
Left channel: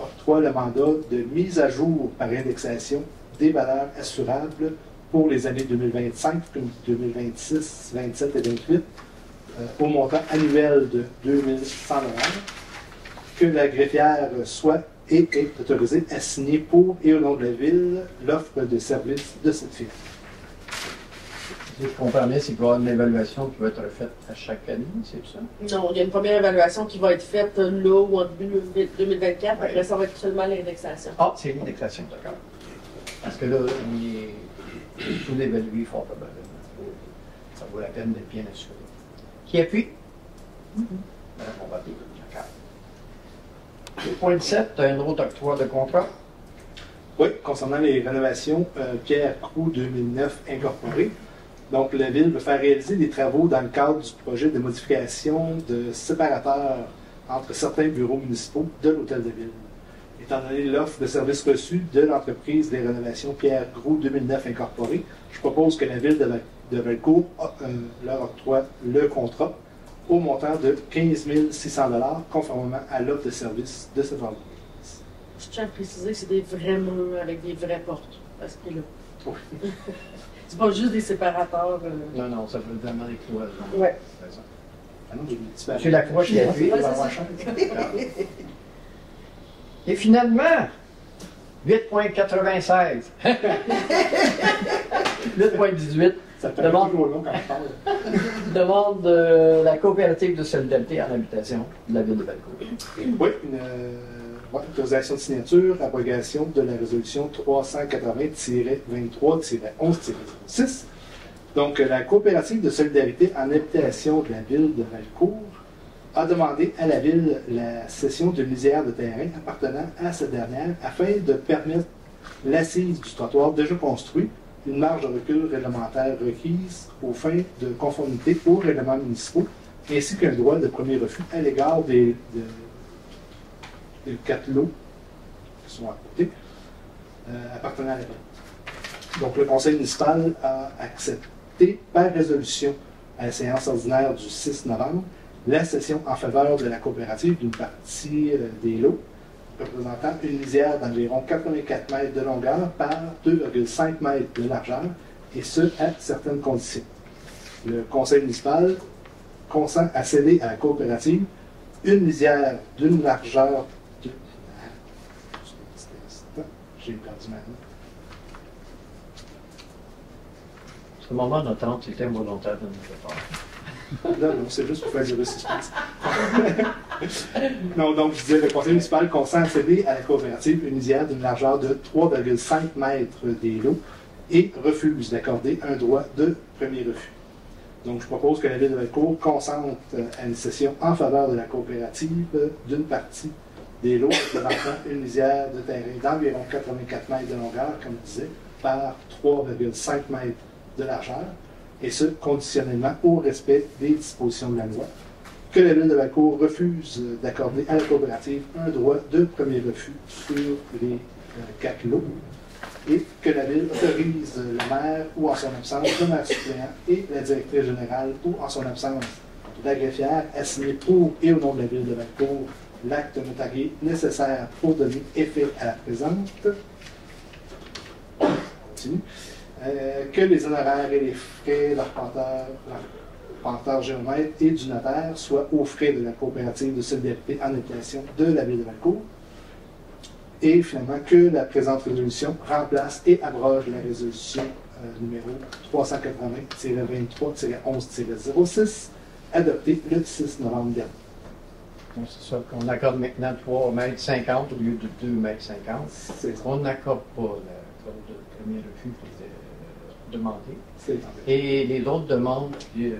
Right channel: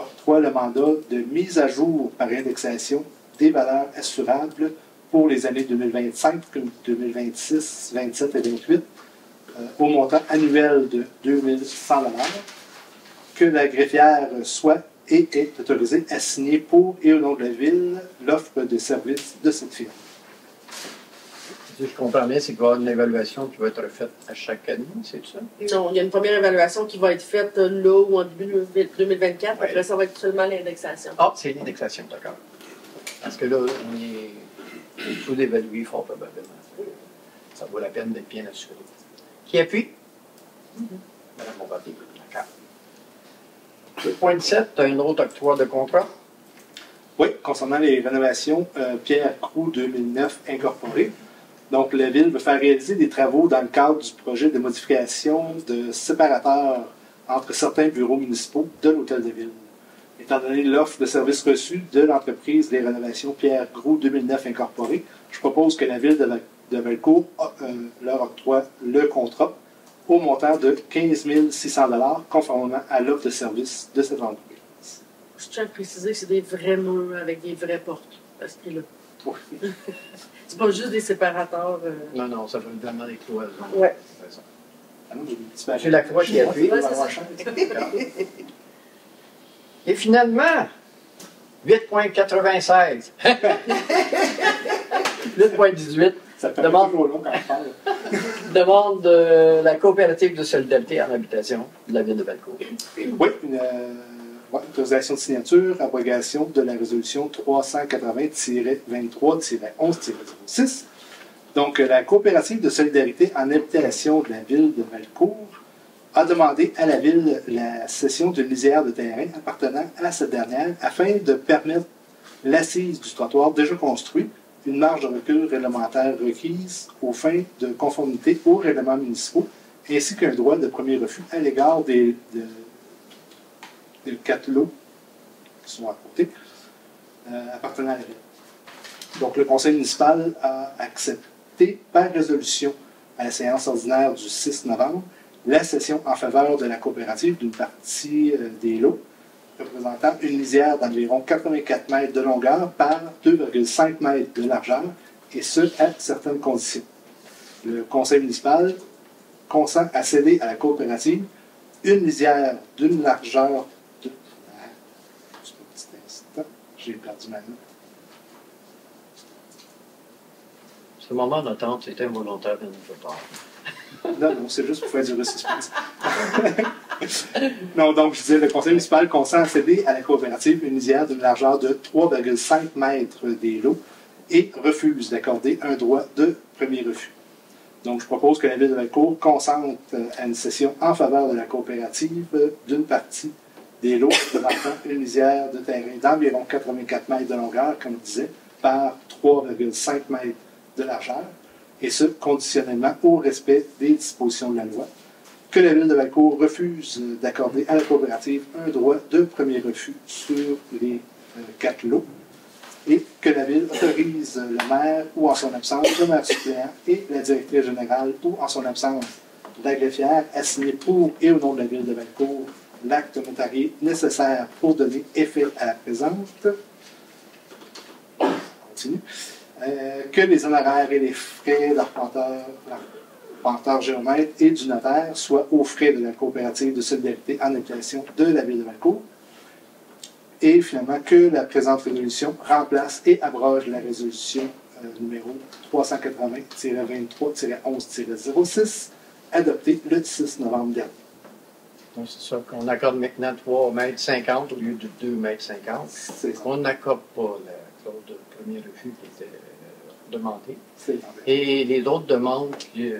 octroie le mandat de mise à jour par indexation des valeurs assurables pour les années 2025, 2026, 27 et 28 au montant annuel de 2100 $. Que la greffière soit et est autorisée à signer pour et au nom de la ville l'offre de services de cette firme. Si je comprends bien, c'est qu'il va y avoir une évaluation qui va être faite à chaque année, c'est ça? Non, il y a une première évaluation qui va être faite là ou en début 2024. Après, ça va être seulement l'indexation. Ah, c'est l'indexation, d'accord. Parce que là, on est sous-évalué fort probablement. Ça vaut la peine d'être bien assuré. Qui appuie? Madame Bombardier, d'accord. 2.7, tu as un autre octroi de contrat. Oui, concernant les rénovations Pierre Croux 2009 incorporées. Donc, la ville veut faire réaliser des travaux dans le cadre du projet de modification de séparateurs entre certains bureaux municipaux de l'Hôtel de Ville. Étant donné l'offre de services reçus de l'entreprise des rénovations Pierre Croux 2009 incorporée, je propose que la ville de Valcourt leur octroie le contrat au montant de 15 600 $, conformément à l'offre de service de cette entreprise. Je tiens à préciser que c'est des vrais murs avec des vraies portes. Parce que là, c'est pas juste des séparateurs. Non, non, ça fait vraiment des cloisons. Ouais. C'est ça. Ah non, j'ai une petite C'est la croix qui appuie. Ouais, c'est ça. Et finalement, 8.96. 8.18. Ça fait Demande- toujours long quand on parle. Demande de la coopérative de solidarité en habitation de la ville de Valcourt. Oui, une autorisation de signature, abrogation de la résolution 380-23-11-06. Donc, la coopérative de solidarité en habitation de la ville de Valcourt a demandé à la ville la cession d'une lisière de terrain appartenant à cette dernière afin de permettre l'assise du trottoir déjà construit, une marge de recul réglementaire requise aux fins de conformité aux règlements municipaux, ainsi qu'un droit de premier refus à l'égard des 4 lots qui sont à côté, appartenant à la ville. Donc, le conseil municipal a accepté par résolution à la séance ordinaire du 6 novembre la cession en faveur de la coopérative d'une partie des lots représentant une lisière d'environ 84 mètres de longueur par 2,5 mètres de largeur, et ce, à certaines conditions. Le conseil municipal consent à céder à la coopérative une lisière d'une largeur de... Juste un petit instant, j'ai perdu ma note. Ce moment d'attente, c'était involontaire de notre part. Non, c'est juste pour faire du suspense. Non, donc je disais, le conseil municipal consent à céder à la coopérative une lisière d'une largeur de 3,5 mètres des lots et refuse d'accorder un droit de premier refus. Donc je propose que la Ville de Valcourt consente à une cession en faveur de la coopérative d'une partie des lots représentant une lisière de terrain d'environ 84 mètres de longueur, comme je disais, par 3,5 mètres de largeur, et ce, conditionnellement au respect des dispositions de la loi, que la Ville de Valcourt refuse d'accorder à la coopérative un droit de premier refus sur les 4 lots, et que la Ville autorise le maire ou en son absence, le maire suppléant et la directrice générale ou en son absence, la greffière à signer pour et au nom de la Ville de Valcourt l'acte notarié nécessaire pour donner effet à la présente. Continue. Que les honoraires et les frais d'arpenteur géomètre et du notaire soient aux frais de la coopérative de solidarité en habitation de la Ville de Valcourt. Et finalement, que la présente résolution remplace et abroge la résolution numéro 380-23-11-06, adoptée le 6 novembre dernier. Donc, c'est ça qu'on accorde maintenant 3,50 mètres au lieu de 2,50 mètres. On n'accorde pas la clause de premier refus qui était demandée. Et les autres demandes que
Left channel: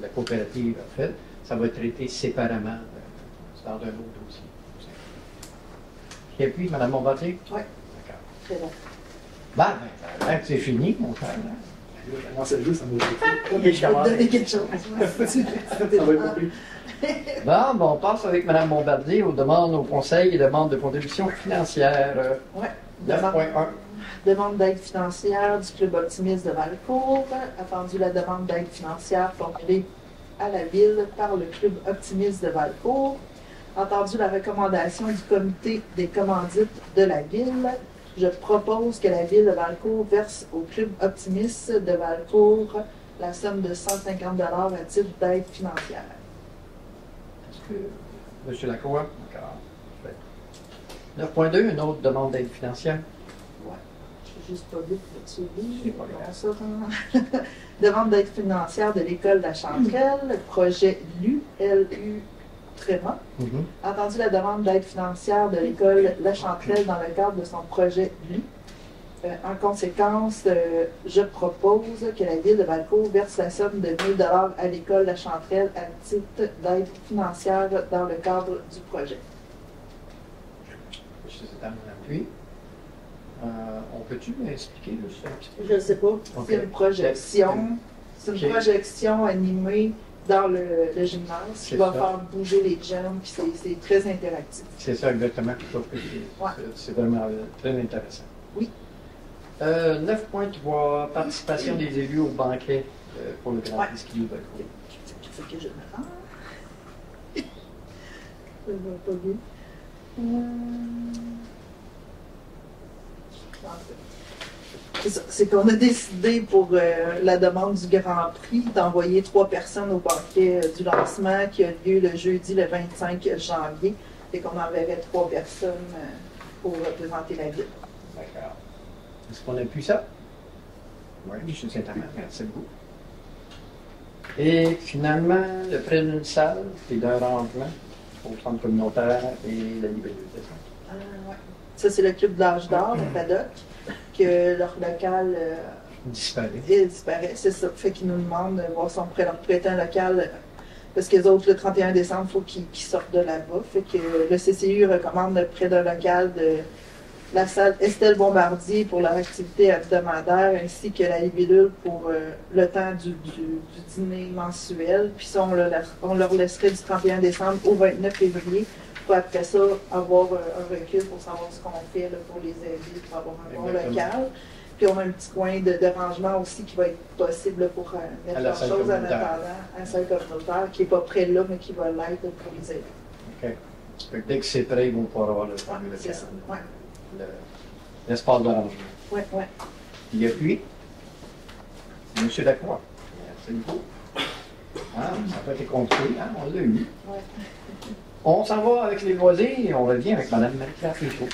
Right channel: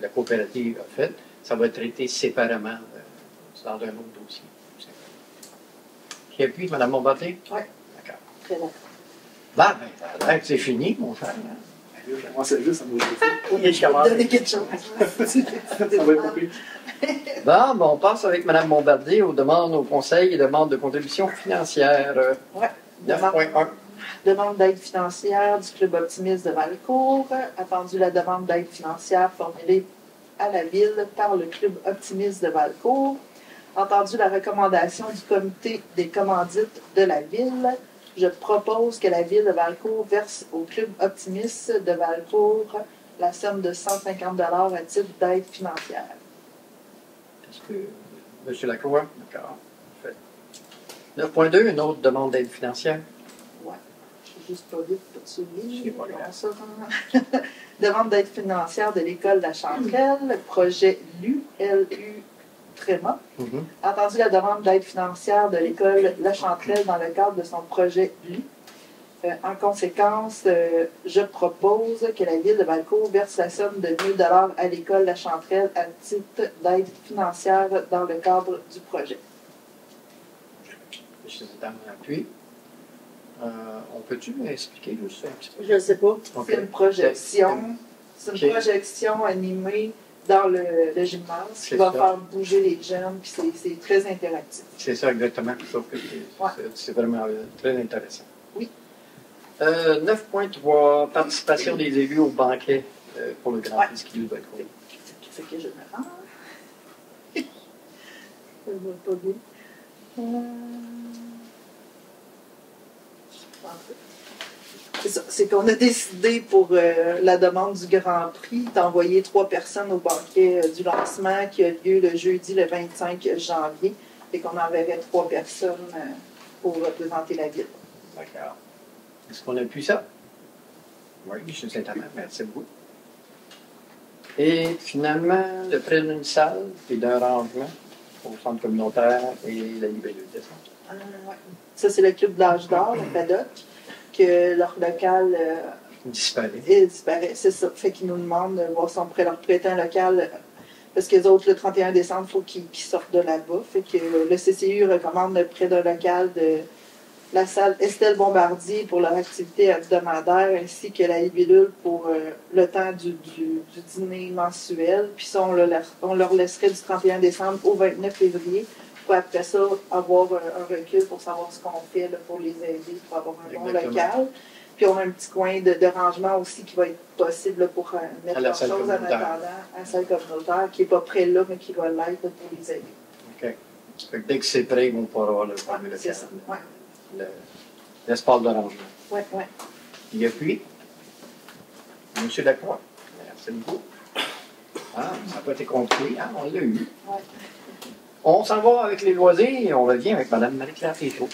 la coopérative a faites, ça va être traité séparément dans un autre dossier. Et puis, Mme Bombardier? Oui. D'accord. Très bon. Bah, ben, c'est fini, mon frère. Moi, c'est juste un mot de Oui, je vais vous donner quelque chose. Bon, on passe avec Mme Bombardier aux demandes au Conseil et demandes de contribution financière. Oui. 9.1. Demande d'aide financière du Club optimiste de Valcourt. Attendu la demande d'aide financière formulée à la Ville par le Club optimiste de Valcourt. Entendu la recommandation du comité des commandites de la Ville, je propose que la Ville de Valcourt verse au Club optimiste de Valcourt la somme de 150 $ à titre d'aide financière. Est-ce que M. Lacroix? D'accord. 9.2, une autre demande d'aide financière. Oui. Je n'ai juste pas vu celui. C'est pas grave. Ça. Demande d'aide financière de l'école de la Chanterelle, projet LU, LU Tréma. Entendu la demande d'aide financière de l'école La Chanterelle dans le cadre de son projet LU. En conséquence, je propose que la Ville de Valcourt verse la somme de 1 000 $ à l'école La Chanterelle à titre d'aide financière dans le cadre du projet. Je suis dans l'appui. On peut-tu m'expliquer le ça un petit peu? Je ne sais pas. Okay. C'est une projection. C'est une Okay. projection animée dans le gymnase qui va faire bouger les jeunes, puis c'est très interactif. C'est ça exactement, sauf que c'est vraiment très intéressant. Oui. 9.3, participation des élus au banquet pour le Grand Prix ski de Valcourt. Il faut que je me rende. Je ne vois pas bien. C'est ça, c'est qu'on a décidé pour la demande du Grand Prix d'envoyer 3 personnes au banquet du lancement qui a lieu le jeudi le 25 janvier et qu'on enverrait 3 personnes pour représenter la ville. D'accord. Est-ce qu'on a pu ça? Oui, je suis sincèrement, merci beaucoup. Et finalement, le prêt d'une salle et d'un rangement au centre communautaire et la librairie de centre. Ouais. Ça, c'est le club de l'âge d'or, le paddock, que leur local disparaît, c'est ça. Fait qu'ils nous demandent de voir si on pourrait leur prêter un local, parce que les autres, le 31 décembre, il faut qu'ils sortent de là-bas. Fait que le CCU recommande le prêt d'un local de la salle Estelle Bombardier pour leur activité hebdomadaire, ainsi que la libellule pour le temps du dîner mensuel. Puis ça, on leur laisserait du 31 décembre au 29 février. Pour après ça, avoir un recul pour savoir ce qu'on fait là, pour les aider, pour avoir un bon local. Puis on a un petit coin de rangement aussi qui va être possible là, pour mettre leurs choses en attendant à la salle communautaire, qui n'est pas près là, mais qui va l'être pour les aider. OK. Dès que c'est prêt, ils vont pouvoir avoir le fameux local. C'est ça, ouais. L'espace de rangement. Oui, oui. Et puis, M. Lacroix. Merci beaucoup. Ah, ça peut être compliqué, hein? On l'a eu. Ouais. On s'en va avec les loisirs et on revient avec Mme Marie-Claire Péchaud.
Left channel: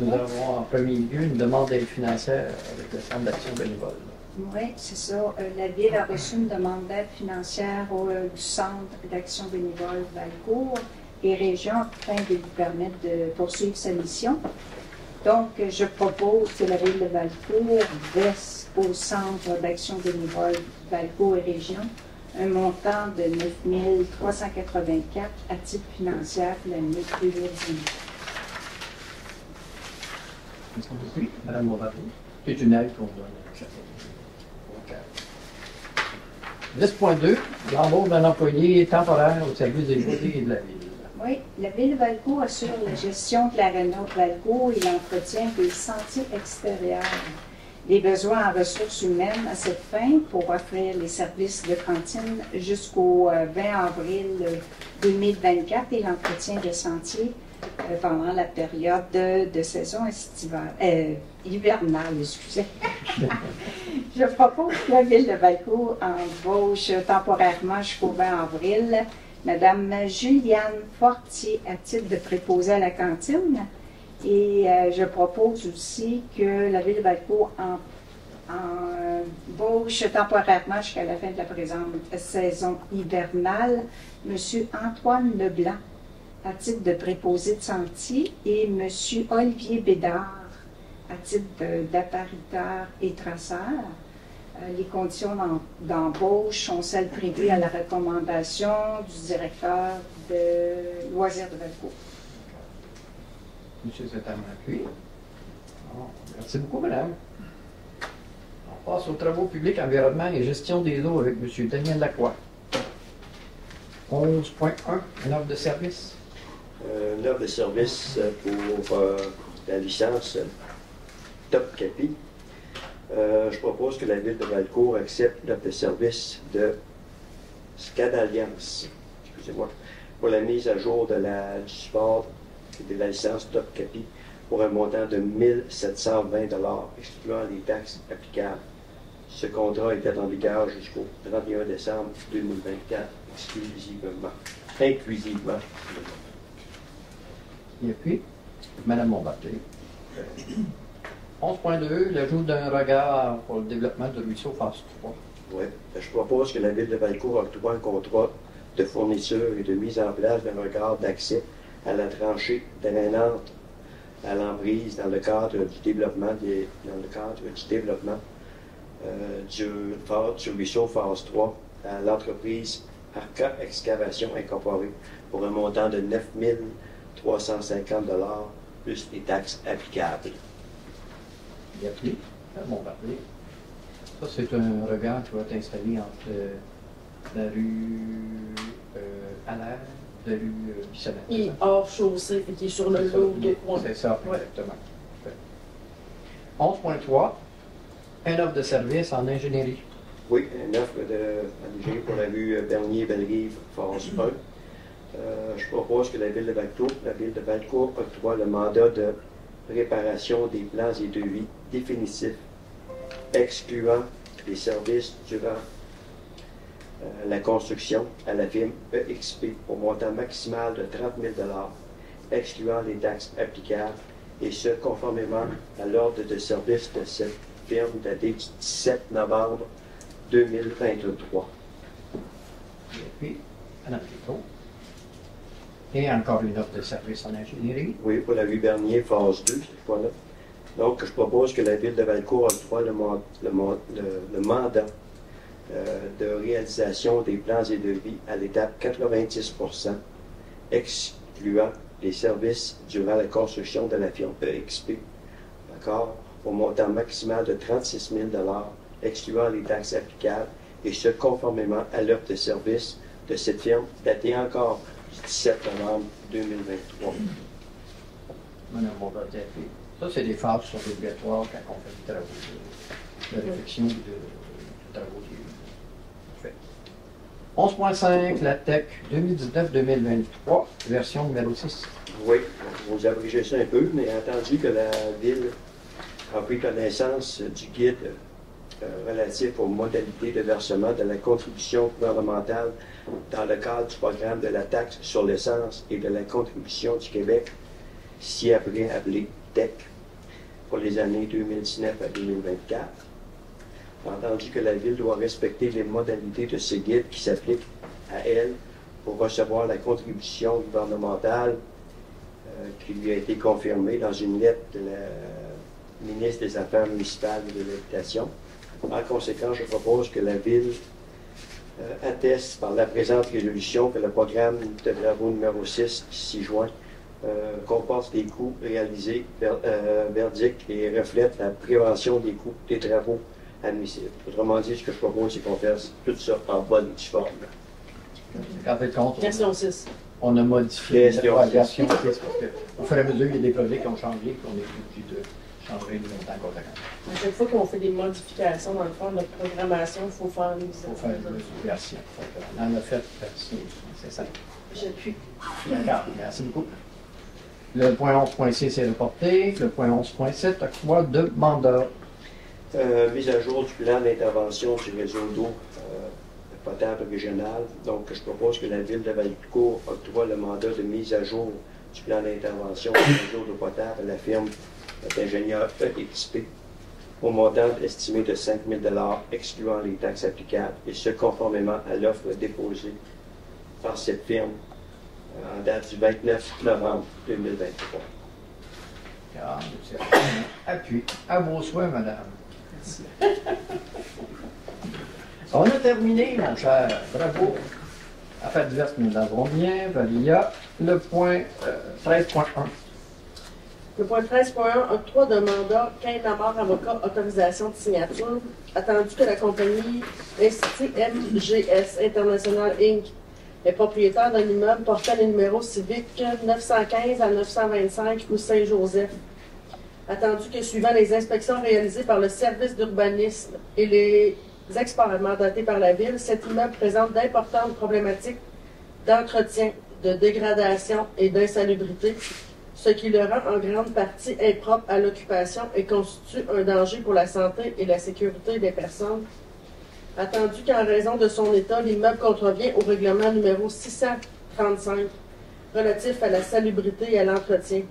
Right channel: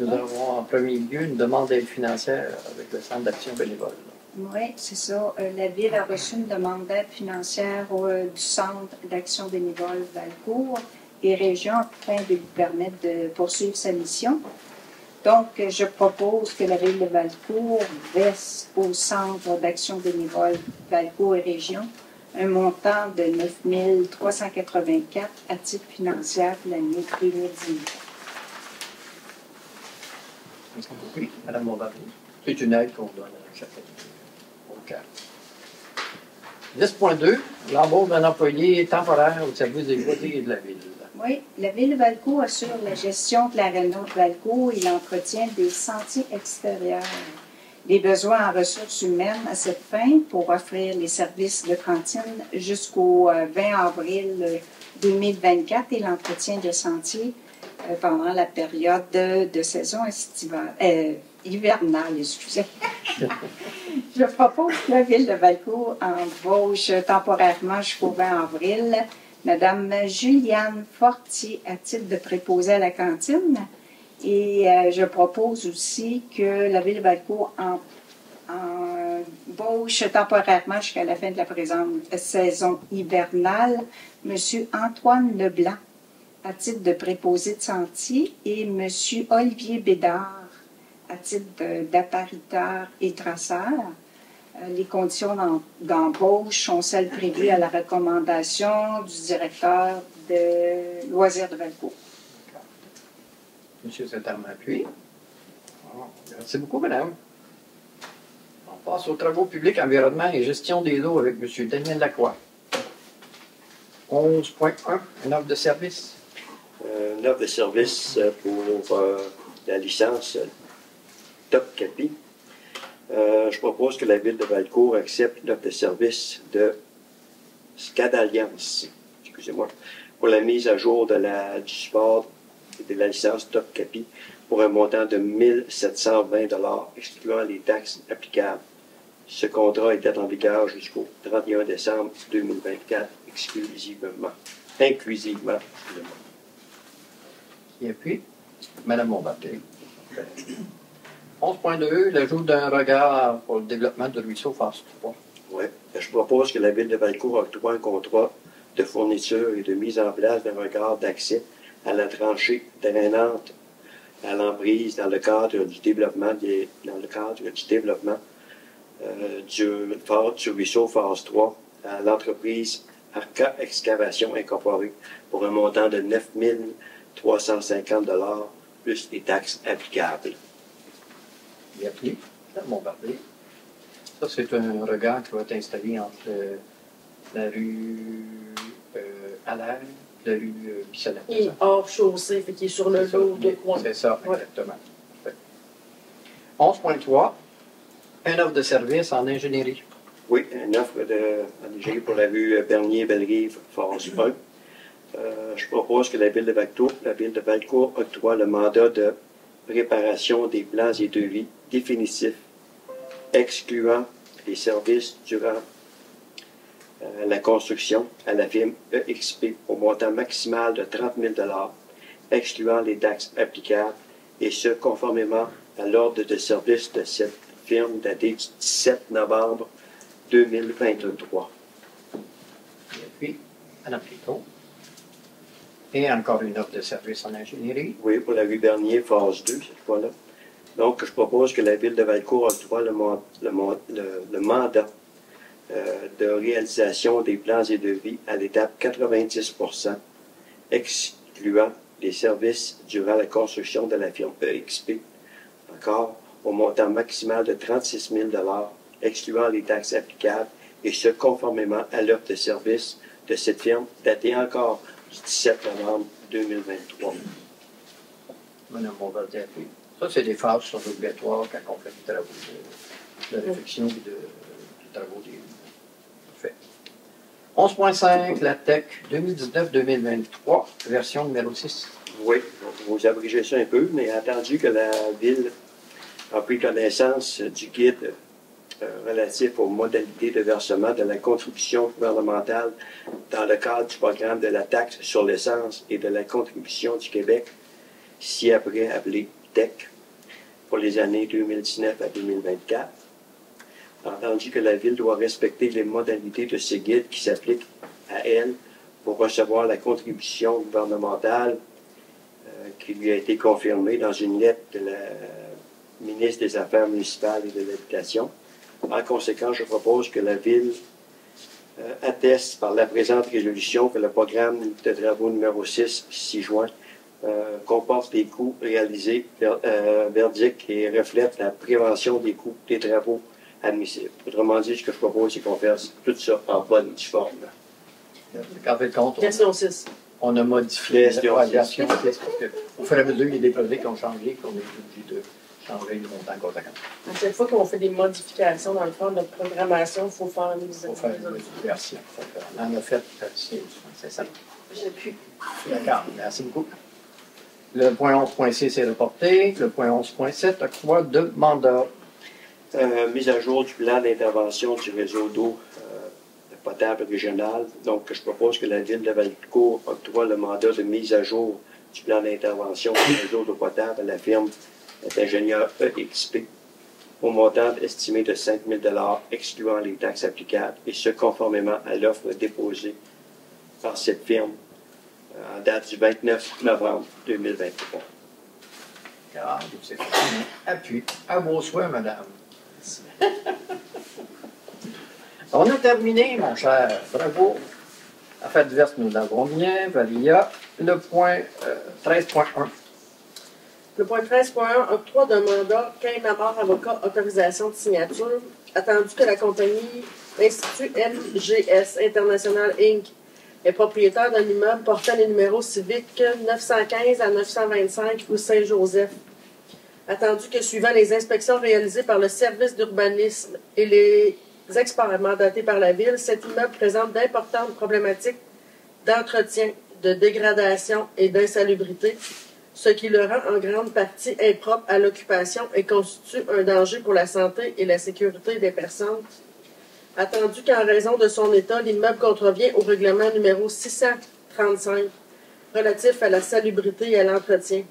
Nous avons en premier lieu une demande d'aide financière avec le Centre d'action bénévole. Oui, c'est ça. La Ville a reçu une demande d'aide financière du Centre d'action bénévole Valcourt et Région afin de lui permettre de poursuivre sa mission. Donc, je propose que la Ville de Valcourt verse au Centre d'action bénévole Valcourt et Région un montant de 9 384 à titre financier pour l'année 2019. Oui, Mme Montbarnier. C'est une aide qu'on donne à chaque année. 10.2, l'embauche d'un employé temporaire au service des loisirs et de la Ville. Oui, la Ville de Valcourt assure la gestion de l'aréna de Valcourt et l'entretien des sentiers extérieurs. Les besoins en ressources humaines à cette fin pour offrir les services de cantine jusqu'au 20 avril 2024 et l'entretien de sentiers pendant la période de saison hivernale. Excusez. Je propose que la Ville de Valcourt embauche temporairement jusqu'au 20 avril Madame Juliane Fortier à titre de préposée à la cantine. Et je propose aussi que la Ville de Valcourt embauche temporairement jusqu'à la fin de la présente saison hivernale M. Antoine Leblanc à titre de préposé de sentier et M. Olivier Bédard à titre d'appariteur et traceur. Les conditions d'embauche sont celles prévues à la recommandation du directeur de Loisirs de Valcourt. Monsieur Saint-Armand-Puy. Merci beaucoup, madame. On passe aux travaux publics, environnement et gestion des lots avec M. Daniel Lacroix. 11.1, une offre de service. Une offre de service pour la licence Top Capi. Je propose que la Ville de Valcourt accepte l'offre de service de SCAD Alliance, excusez-moi, pour la mise à jour du support de la licence Top Capi pour un montant de 1 720 $, excluant les taxes applicables. Ce contrat était en vigueur jusqu'au 31 décembre 2024, inclusivement. Et puis, Mme Montbarnier. 11.2, l'ajout d'un regard pour le développement de ruisseau phase 3. Oui. Je propose que la Ville de Valcourt octroie un contrat de fourniture et de mise en place d'un regard d'accès à la tranchée drainante à l'emprise dans le cadre du développement du ruisseau phase 3 à l'entreprise Arca Excavation Incorporée pour un montant de 9 350 $ plus les taxes applicables. Il a appelé Montbarnier. Ça, c'est un regard qui va être installé entre la rue Allaire, la rue Bissonnette. Il est hors chaussée, fait qu'il est sur le lot. C'est ça, exactement. Ouais. 11.3, une offre de service en ingénierie. Oui, une offre d'ingénierie pour la rue Bernier-Bellerive, phase 1. Je propose que la Ville de Valcourt octroie le mandat de préparation des plans et devis définitifs, excluant les services durant la construction à la firme EXP au montant maximal de 30 000 $, excluant les taxes applicables, et ce, conformément à l'ordre de service de cette firme daté du 17 novembre 2023. Et puis, Mme Plito. Et encore une offre de service en ingénierie. Oui, pour la rue Bernier, phase 2, cette fois-là. Donc, je propose que la Ville de Valcourt octroie le mandat de réalisation des plans et devis à l'étape 90%, excluant les services durant la construction de la firme EXP, encore au montant maximal de 36 000 $, excluant les taxes applicables, et ce, conformément à l'offre de service de cette firme datée encore du 17 novembre 2023. Mme Montbarnier. Ça, c'est des phases qui sont obligatoires quand on fait des travaux de réflexion de travaux faits. 11.5, la TEC 2019-2023, version numéro 6. Oui, vous abrégez ça un peu, mais attendu que la Ville a pris connaissance du guide relatif aux modalités de versement de la contribution gouvernementale dans le cadre du programme de la taxe sur l'essence et de la contribution du Québec, ci-après appelé TEC pour les années 2019 à 2024. Entendu que la Ville doit respecter les modalités de ce guide qui s'appliquent à elle pour recevoir la contribution gouvernementale qui lui a été confirmée dans une lettre de la ministre des Affaires municipales et de l'Habitation. En conséquence, je propose que la Ville atteste par la présente résolution que le programme de travaux numéro 6 juin comporte des coûts réalisés verdict et reflète la prévention des coûts des travaux admissibles. Autrement dit, ce que je propose, c'est qu'on fasse tout ça en bonne et due forme. Gardez compte, Question 6. on a modifié Question l'évaluation parce que au fur et à mesure, il y a des projets qui ont changé, qu'on est obligé de changer du montant conséquent. À chaque fois qu'on fait des modifications dans le fond de programmation, il faut faire une Il faut faire une version. On en a fait, c'est ça. J'appuie. D'accord, merci beaucoup. Le point 11.6 est reporté. Le point 11.7, octroi de mandat. Mise à jour du plan d'intervention du réseau d'eau potable régional. Donc, je propose que la Ville de Valcourt octroie le mandat de mise à jour du plan d'intervention du réseau d'eau potable à la firme d'ingénieur EXP au montant estimé de 5 000 $, excluant les taxes applicables, et ce conformément à l'offre déposée par cette firme en date du 29 novembre 2023. Appui. À vos souhaits, madame. Merci. On a terminé, mon cher. Bravo. Affaires diverses, nous l'avons bien. Valia. Le point 13.1. Le point 13.1, octroi d'un mandat, Quintamar Avocat, autorisation de signature. Attendu que la compagnie Institut MGS International Inc. est propriétaire d'un immeuble portant les numéros civiques 915 à 925 rue Saint-Joseph. Attendu que suivant les inspections réalisées par le service d'urbanisme et les experts mandatés par la Ville, cet immeuble présente d'importantes problématiques d'entretien, de dégradation et d'insalubrité, ce qui le rend en grande partie impropre à l'occupation et constitue un danger pour la santé et la sécurité des personnes. Attendu qu'en raison de son état, l'immeuble contrevient au règlement numéro 635 relatif à la salubrité et à l'entretien.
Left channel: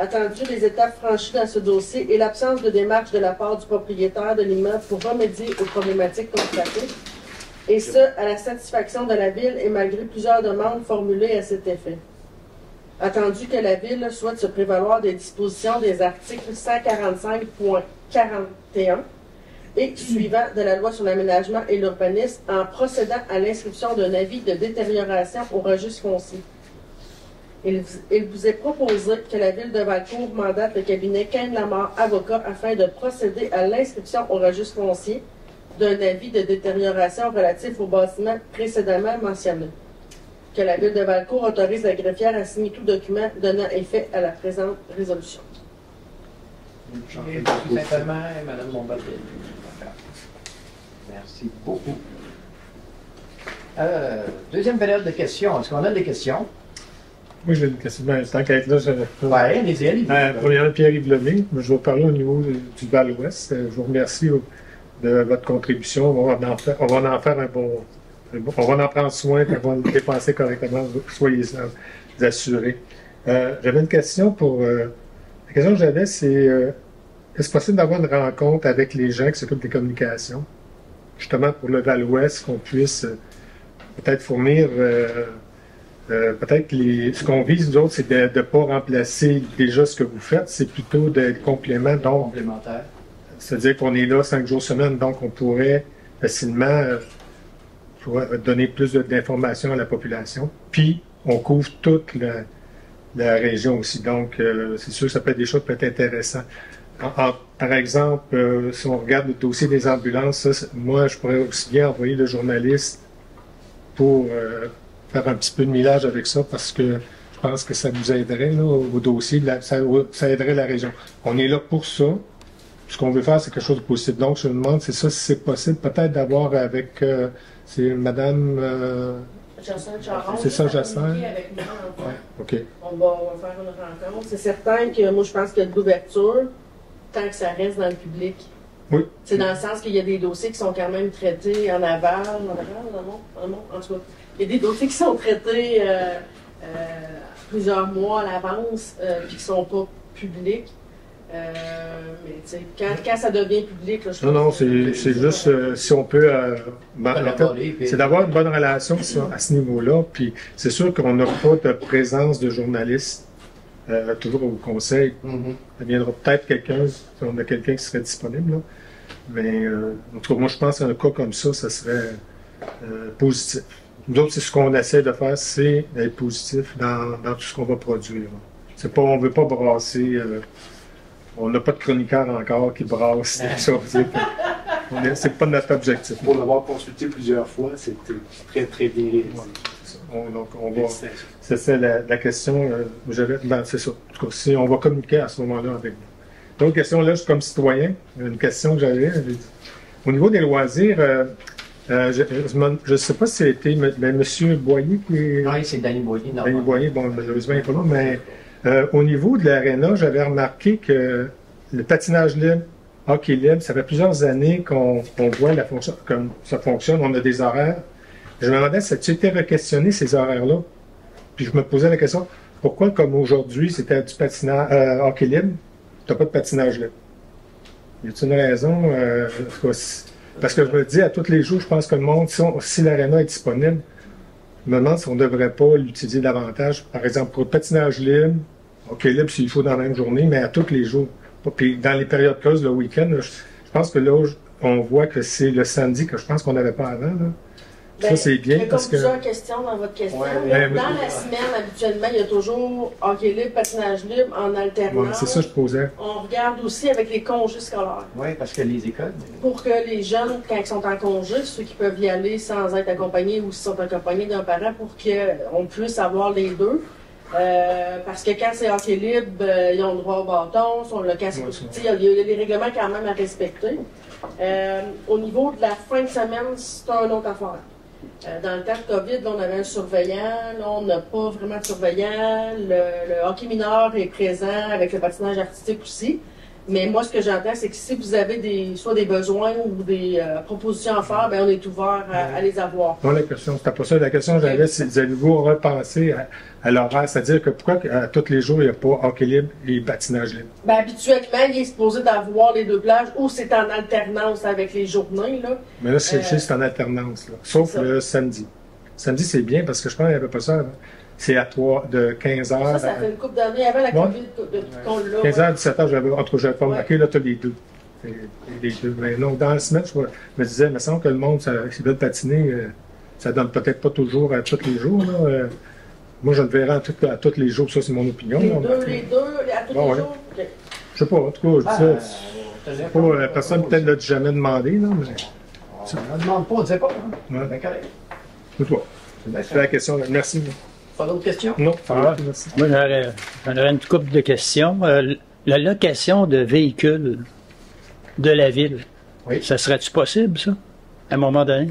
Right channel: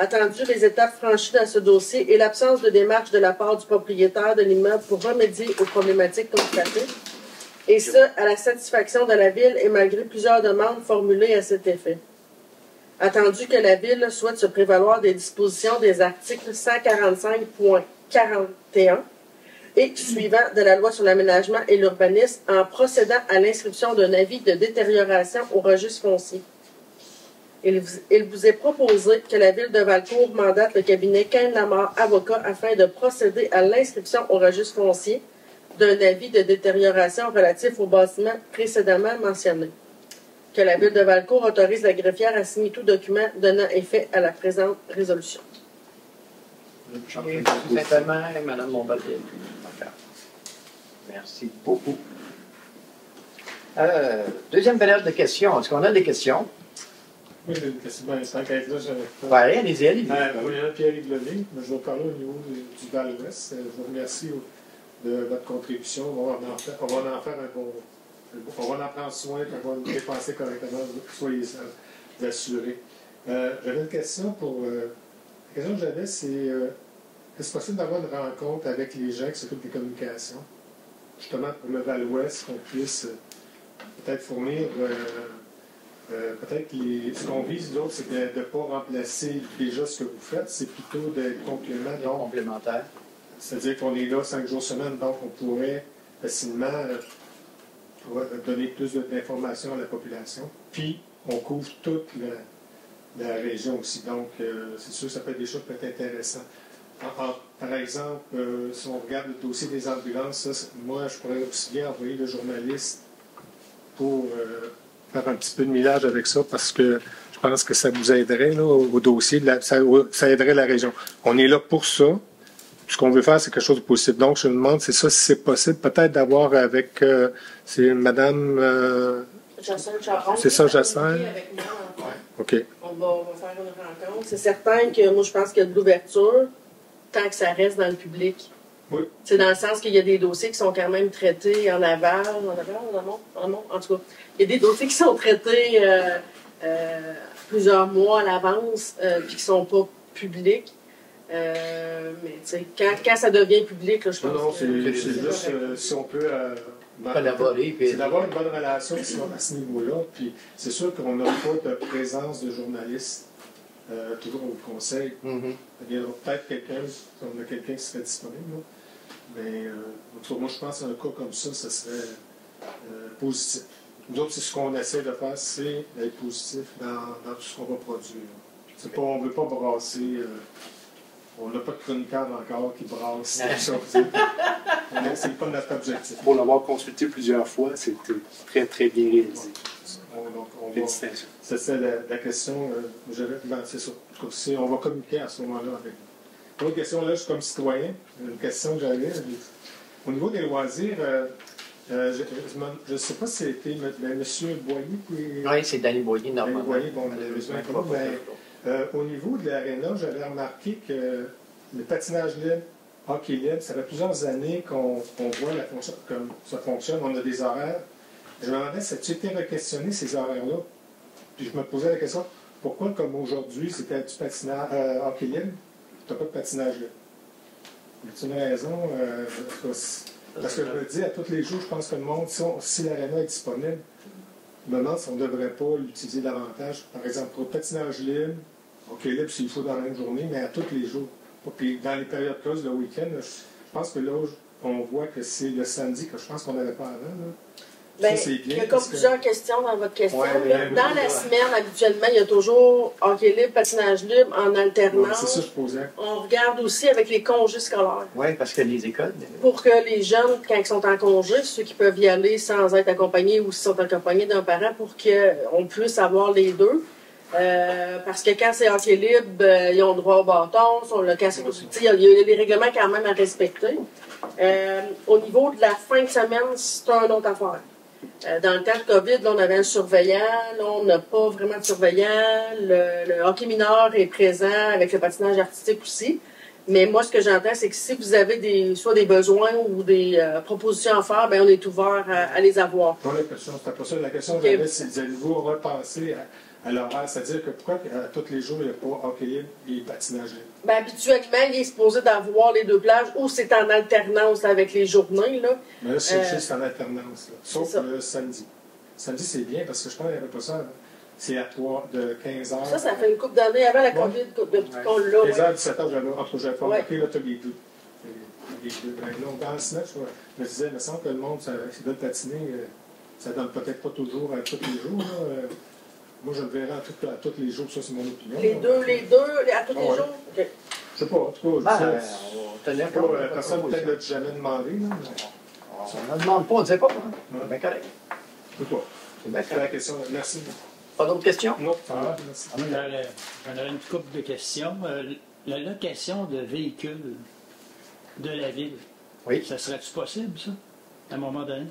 Attendu les étapes franchies dans ce dossier et l'absence de démarche de la part du propriétaire de l'immeuble pour remédier aux problématiques constatées, et ce, à la satisfaction de la Ville et malgré plusieurs demandes formulées à cet effet. Attendu que la Ville souhaite se prévaloir des dispositions des articles 145.41 et suivant de la Loi sur l'aménagement et l'urbanisme en procédant à l'inscription d'un avis de détérioration au registre foncier. Il vous est proposé que la Ville de Valcourt mandate le cabinet Quintamar Avocat afin de procéder à l'inscription au registre foncier d'un avis de détérioration relatif au bâtiment précédemment mentionné. Que la Ville de Valcourt autorise la greffière à signer tout document donnant effet à la présente résolution. Simplement, Mme Montpellier. Merci beaucoup. Deuxième période de questions. Est-ce qu'on a des questions? Oui, j'ai une question. Ben, tant qu'à être là, Oui, allez-y. Premièrement, Pierre-Yves Lemay. Je vais vous parler au niveau du Val-Ouest. Je vous remercie de votre contribution. On va en faire un bon. On va en prendre soin, qu'on va le dépenser correctement. Soyez assurés. J'avais une question pour. La question que j'avais, c'est est-ce possible d'avoir une rencontre avec les gens qui s'occupent des communications, justement pour le Val-Ouest, qu'on puisse peut-être fournir. Peut-être ce qu'on vise, nous autres, c'est de ne pas remplacer déjà ce que vous faites, c'est plutôt des compléments. Donc, complémentaires. C'est-à-dire qu'on est là 5 jours semaine, donc on pourrait facilement donner plus d'informations à la population. Puis, on couvre toute la région aussi. Donc, c'est sûr que ça peut être des choses qui peuvent être intéressantes. Par exemple, si on regarde le dossier des ambulances, moi, je pourrais aussi bien envoyer le journaliste pour faire un petit peu de millage avec ça, parce que je pense que ça nous aiderait là, au dossier, ça aiderait la région. On est là pour ça. Ce qu'on veut faire, c'est quelque chose de possible. Donc, je me demande, c'est ça, si c'est possible, peut-être d'avoir avec, c'est Madame... c'est ça, Jacinthe. Ouais, OK. On va faire une rencontre. C'est certain que moi, je pense qu'il y a de l'ouverture tant que ça reste dans le public. Oui. C'est dans le sens qu'il y a des dossiers qui sont quand même traités en aval. En tout cas, il y a des dossiers qui sont traités plusieurs mois à l'avance, puis qui ne sont pas public. Mais tu sais, quand ça devient public, là, je Non, non, pense que c'est juste si on peut. C'est d'avoir une bonne relation à ce niveau-là. Puis c'est sûr qu'on n'a pas de présence de journalistes toujours au conseil. Il viendra peut-être quelqu'un, si on a quelqu'un qui serait disponible. Là. Mais en tout cas, moi, je pense qu'un cas comme ça serait positif. Nous autres, c'est ce qu'on essaie de faire, c'est d'être positif dans tout ce qu'on va produire. C'est pas, on ne veut pas brasser. On n'a pas de chroniqueur encore qui brasse tout ça. C'est pas notre objectif. Pour l'avoir consulté plusieurs fois, c'était très, très bien réalisé. Donc, on va. C'est ça la question. C'est ça. En tout cas, si on va communiquer à ce moment-là avec vous. L'autre question, là, je suis comme citoyen. Une question que j'avais. Au niveau des loisirs, je ne sais pas si c'était M. Boyer qui est. Oui, c'est Danny Boyer. Danny Boyer, bon, malheureusement, il n'est pas là, mais au niveau de l'aréna, j'avais remarqué que le patinage libre, hockey libre, ça fait plusieurs années qu'on voit comme ça fonctionne. On a des horaires. Je me demandais si tu été re-questionné ces horaires-là. Puis je me posais la question, pourquoi, comme aujourd'hui, c'était du patinage hockey libre, tu n'as pas de patinage libre? Y a-t-il une raison? Parce que je me dis, à tous les jours, je pense que le monde, si l'aréna est disponible, je me demande si on ne devrait pas l'utiliser davantage. Par exemple, pour le patinage libre, hockey libre s'il faut dans la même journée, mais à tous les jours. Puis dans les périodes creuses, le week-end, je pense que là, on voit que c'est le samedi que je pense qu'on n'avait pas avant. Là. Ça, c'est bien parce que. Il y a plusieurs questions dans votre question. Ouais, dans la semaine, habituellement, il y a toujours hockey libre, patinage libre en alternance. Ouais, c'est ça que je posais. On regarde aussi avec les congés scolaires. Oui, parce que les écoles. Pour que les jeunes, quand ils sont en congé, ceux qui peuvent y aller sans être accompagnés ou s'ils sont accompagnés d'un parent, pour qu'on puisse avoir les deux. Parce que quand c'est hockey libre, ils ont le droit au bâton, sur le casque. Il y a des règlements quand même à respecter. Au niveau de la fin de semaine, c'est un autre affaire. Dans le temps de COVID, là, on avait un surveillant. Là, on n'a pas vraiment de surveillant. Le hockey mineur est présent avec le patinage artistique aussi. Mais moi, ce que j'entends, c'est que si vous avez soit des besoins ou des propositions à faire, bien, on est ouvert à les avoir. Non, la question, c'était pas ça. La question que j'avais, c'est allez-vous repenser à l'horaire? C'est-à-dire que pourquoi tous les jours, il n'y a pas hockey libre et patinage libre? Bien, habituellement, il est supposé d'avoir les deux plages ou c'est en alternance avec les journées. Là. Mais là, c'est en alternance. Là. Sauf le samedi. Samedi, c'est bien parce que je pense qu'il n'y avait pas ça avant. C'est à 15 heures. Ça fait une couple d'années avant la COVID qu'on l'a. 15 heures, 17 heures, j'avais pas remarqué, là, tu as les deux. Les deux. Mais non, dans la semaine, je me disais, il me semble que le monde, s'ils veulent patiner, ça donne peut-être pas toujours à tous les jours. Là. Moi, je le verrai à tous les jours, ça, c'est mon opinion. Les deux, à tous les jours? Okay. Je sais pas, en tout cas, je disais, personne peut-être ne l'a jamais demandé, là, mais. On ne demande pas, on ne disait pas. Ouais. Ben, correct. C'est la question. Merci. Pas d'autres questions? Non, merci. Moi, j'aurais une couple de questions. La location de véhicules de la ville, ça serait-tu possible, ça, à un moment donné?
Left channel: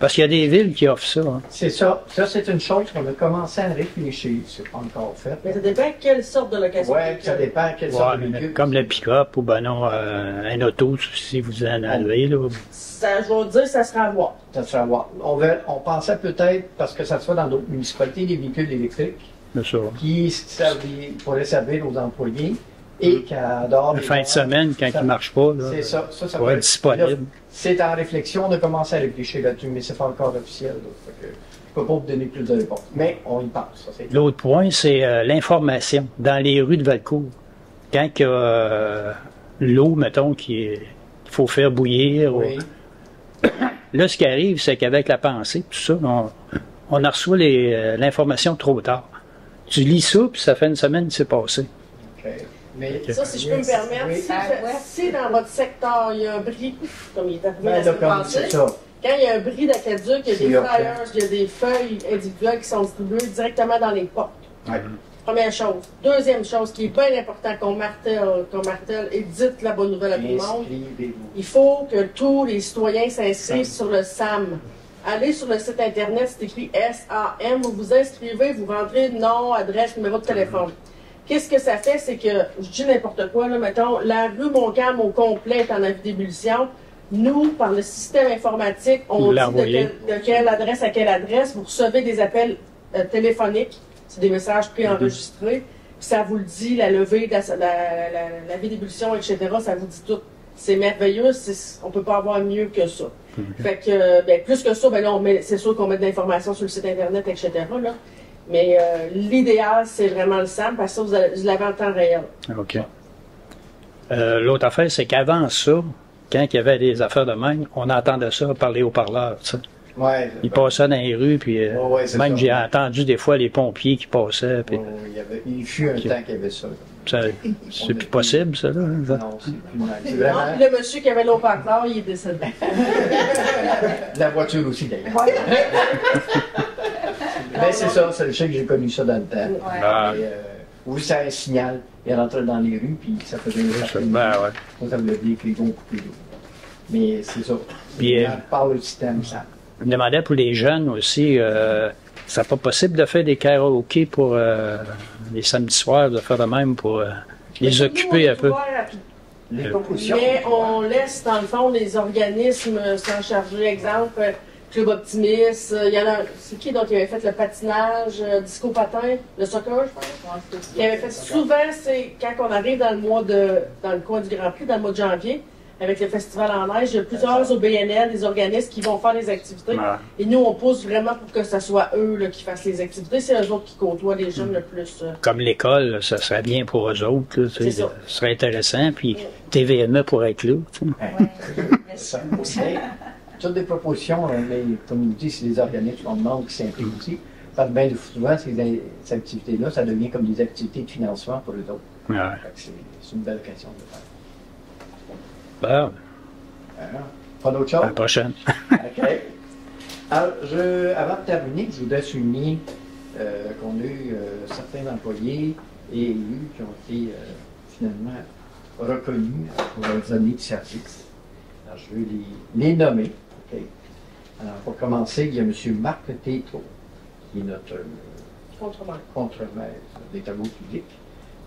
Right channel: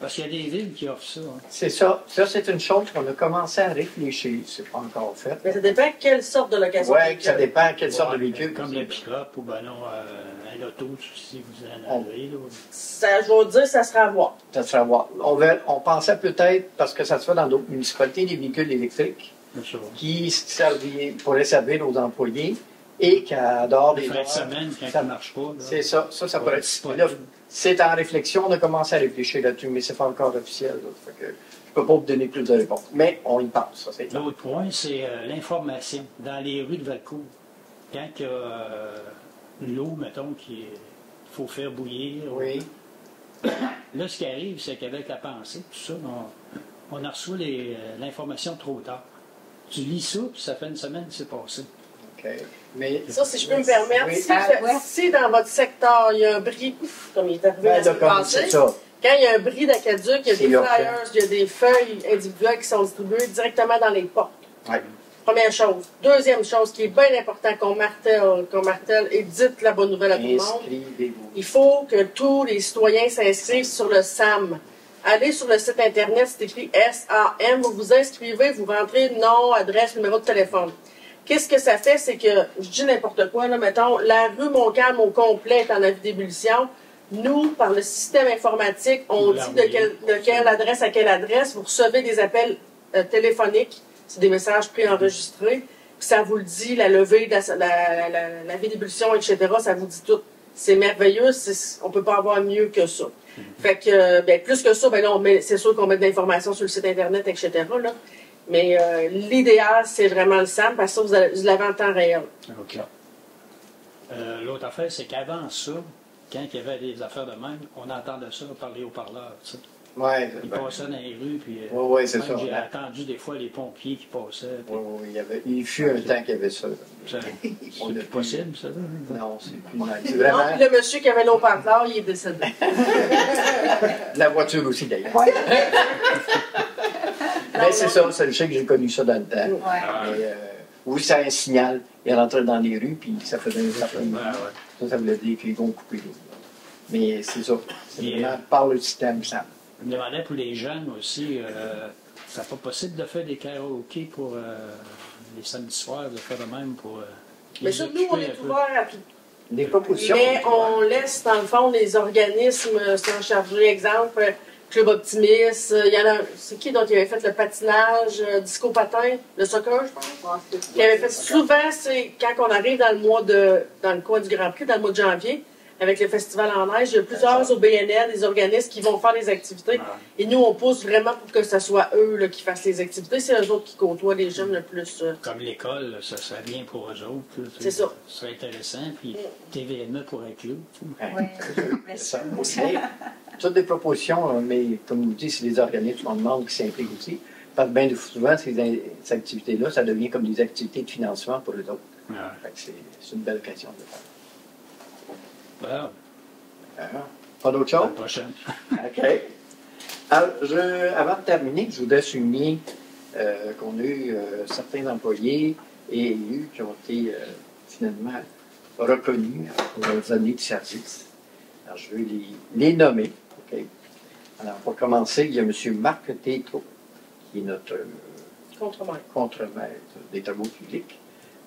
Parce qu'il y a des villes qui offrent ça. Hein. C'est ça. Ça, c'est une chose qu'on a commencé à réfléchir. C'est pas encore fait. Mais ça dépend quelle sorte de location. Oui, ça dépend quelle sorte de véhicule. Comme le pick-up ou ben non, un auto, si vous en avez. Là. Ça, je veux dire, ça sera à voir. Ça sera à voir. On pensait peut-être, parce que ça se fait dans d'autres municipalités, des véhicules électriques qui pourraient servir aux employés et qui adorent la fin de semaine, quand ils ne marchent pas. C'est ça. Ça va être disponible. C'est en réflexion. On a commencé à réfléchir là-dessus, mais ce n'est pas encore officiel. Je ne peux pas vous donner plus de réponses. Mais on y pense. L'autre point, c'est l'information. Dans les rues de Valcourt, quand il y a l'eau, mettons, qu'il faut faire bouillir. Oui. Là, ce qui arrive, c'est qu'avec la pensée, tout ça, on reçoit l'information trop tard. Tu lis ça, puis ça fait une semaine que c'est passé. OK. Mais, ça, si je peux me permettre, si dans votre secteur, il y a un bris, comme il est arrivé la semaine passée, quand il y a un bris d'Aqueduc, il y a des flyers, il y a des feuilles individuelles qui sont distribuées directement dans les portes. Ouais. Première chose. Deuxième chose qui est bien important qu'on martèle et dites la bonne nouvelle à tout le monde, il faut que tous les citoyens s'inscrivent sur le SAM. Allez sur le site Internet, c'est écrit SAM, vous vous inscrivez, vous rentrez nom, adresse, numéro de téléphone. Qu'est-ce que ça fait? C'est que, je dis n'importe quoi, là, mettons, la rue Montcalm au complet est en avis d'ébullition. Nous, par le système informatique, on dit de quelle adresse à quelle adresse. Vous recevez des appels téléphoniques, c'est des messages préenregistrés, qui ça vous le dit, la levée, la vie d'ébullition, etc., ça vous dit tout. C'est merveilleux, on ne peut pas avoir mieux que ça. Fait que, ben, plus que ça, ben là, c'est sûr qu'on met de l'information sur le site Internet, etc., là. Mais l'idéal, c'est vraiment le SAM, parce que ça, vous l'avez en temps réel. OK. L'autre affaire, c'est qu'avant ça, quand il y avait des affaires de même, on entendait ça parler au parleur, tu sais. Ouais, Ils passaient dans les rues, puis même j'ai entendu des fois les pompiers qui passaient. Puis... il fut un temps qu'il y avait ça. C'est plus possible, ça, là. Non, c'est plus c'est vraiment... Non, puis le monsieur qui avait l'eau-parleur, il est décédé. La voiture aussi, d'ailleurs. Mais c'est ça, je sais que j'ai connu ça dans le temps. Ouais. Oui, ça a un signal. Il rentrait dans les rues, puis ça faisait une affaire. Ça veut dire qu'ils vont couper l'eau. Mais c'est ça. Puis, par le système, ça. Je me demandais pour les jeunes aussi, c'est pas possible de faire des karaokés pour les samedis soirs, de faire de même pour les occuper un peu. Les propositions. Mais on laisse, dans le fond, les organismes s'en charger. Exemple, Club Optimiste. Il y en a. C'est qui donc qui avait fait le patinage, disco patin, le soccer, je pense? Qui avait fait souvent, c'est quand on arrive dans le coin du Grand Prix, dans le mois de janvier, avec le festival en neige, il y a plusieurs OBNL, des organismes qui vont faire des activités. Et nous, on pousse vraiment pour que ce soit eux là, qui fassent les activités. C'est eux autres qui côtoient les jeunes le plus. Comme l'école, ça serait bien pour eux autres. Là, ça serait intéressant. Puis TVME pourrait être là. Toutes des propositions, mais comme vous dites, c'est les organismes qu'on demande qui s'impliquent aussi. Parce que bien souvent, ces activités-là, ça devient comme des activités de financement pour eux autres. C'est une belle question de faire. Bon. Pas d'autre chose? À la prochaine. OK. Alors, avant de terminer, je voudrais souligner qu'on a eu certains employés et élus qui ont été finalement reconnus pour leurs années de service. Alors, je vais les nommer. Okay. Alors, pour commencer, il y a M. Marc Tétrault, qui est notre contremaître des travaux publics.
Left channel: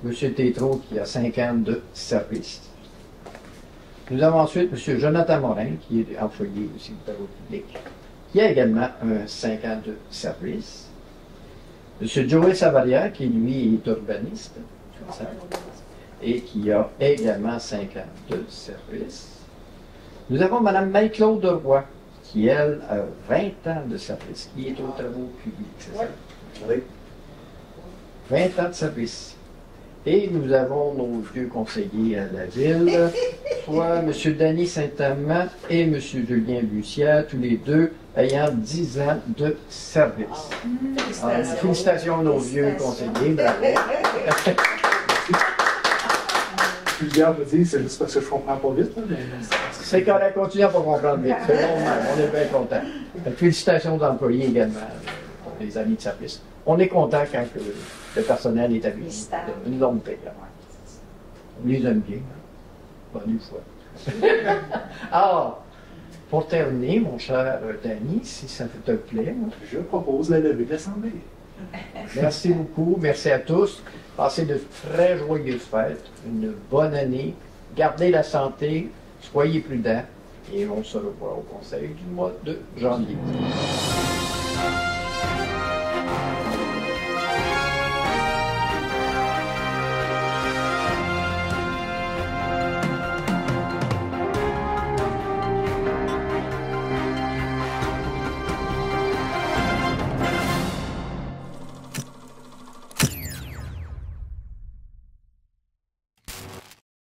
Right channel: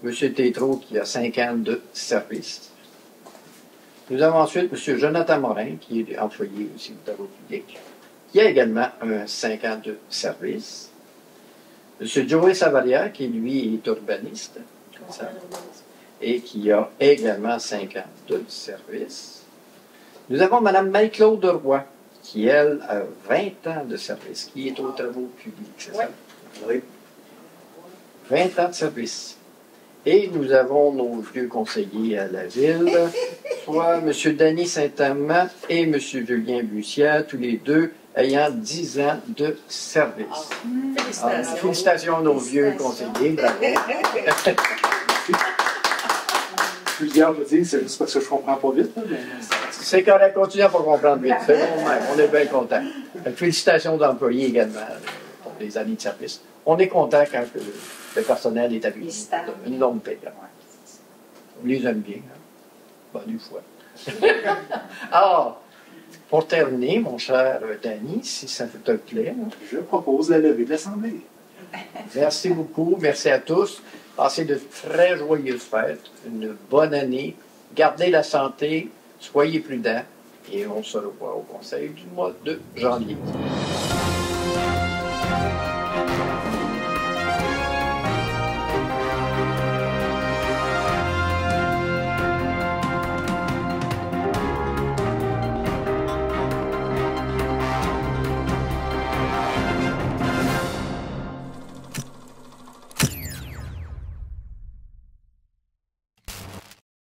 M. Tétrault, qui a 5 ans de service. Nous avons ensuite M. Jonathan Morin, qui est employé aussi des travaux publics, qui a également 5 ans de service. M. Joey Savaria, qui lui est urbaniste, et qui a également 5 ans de service. Nous avons Mme Marie-Claude Roy, qui, elle, a 20 ans de service, qui est aux travaux publics, c'est ça? Oui. 20 ans de service. Et nous avons nos vieux conseillers à la ville, soit M. Denis Saint-Amand et M. Julien Bussière, tous les deux ayant 10 ans de service. Alors, félicitations à nos vieux conseillers. Plusieurs me disent, c'est juste parce que je comprends pas vite. C'est correct, continuez à pas comprendre vite. C'est bon, même. On est bien contents. Félicitations aux employés également pour les années de service. On est content quand le personnel est habitué de une longue paix. On les aime bien. Bonne fois. Alors, pour terminer, mon cher Danny, si ça te plaît. Je propose la levée de l'Assemblée. Merci beaucoup. Merci à tous. Passez de très joyeuses fêtes. Une bonne année. Gardez la santé. Soyez prudents. Et on se revoit au conseil du mois de janvier.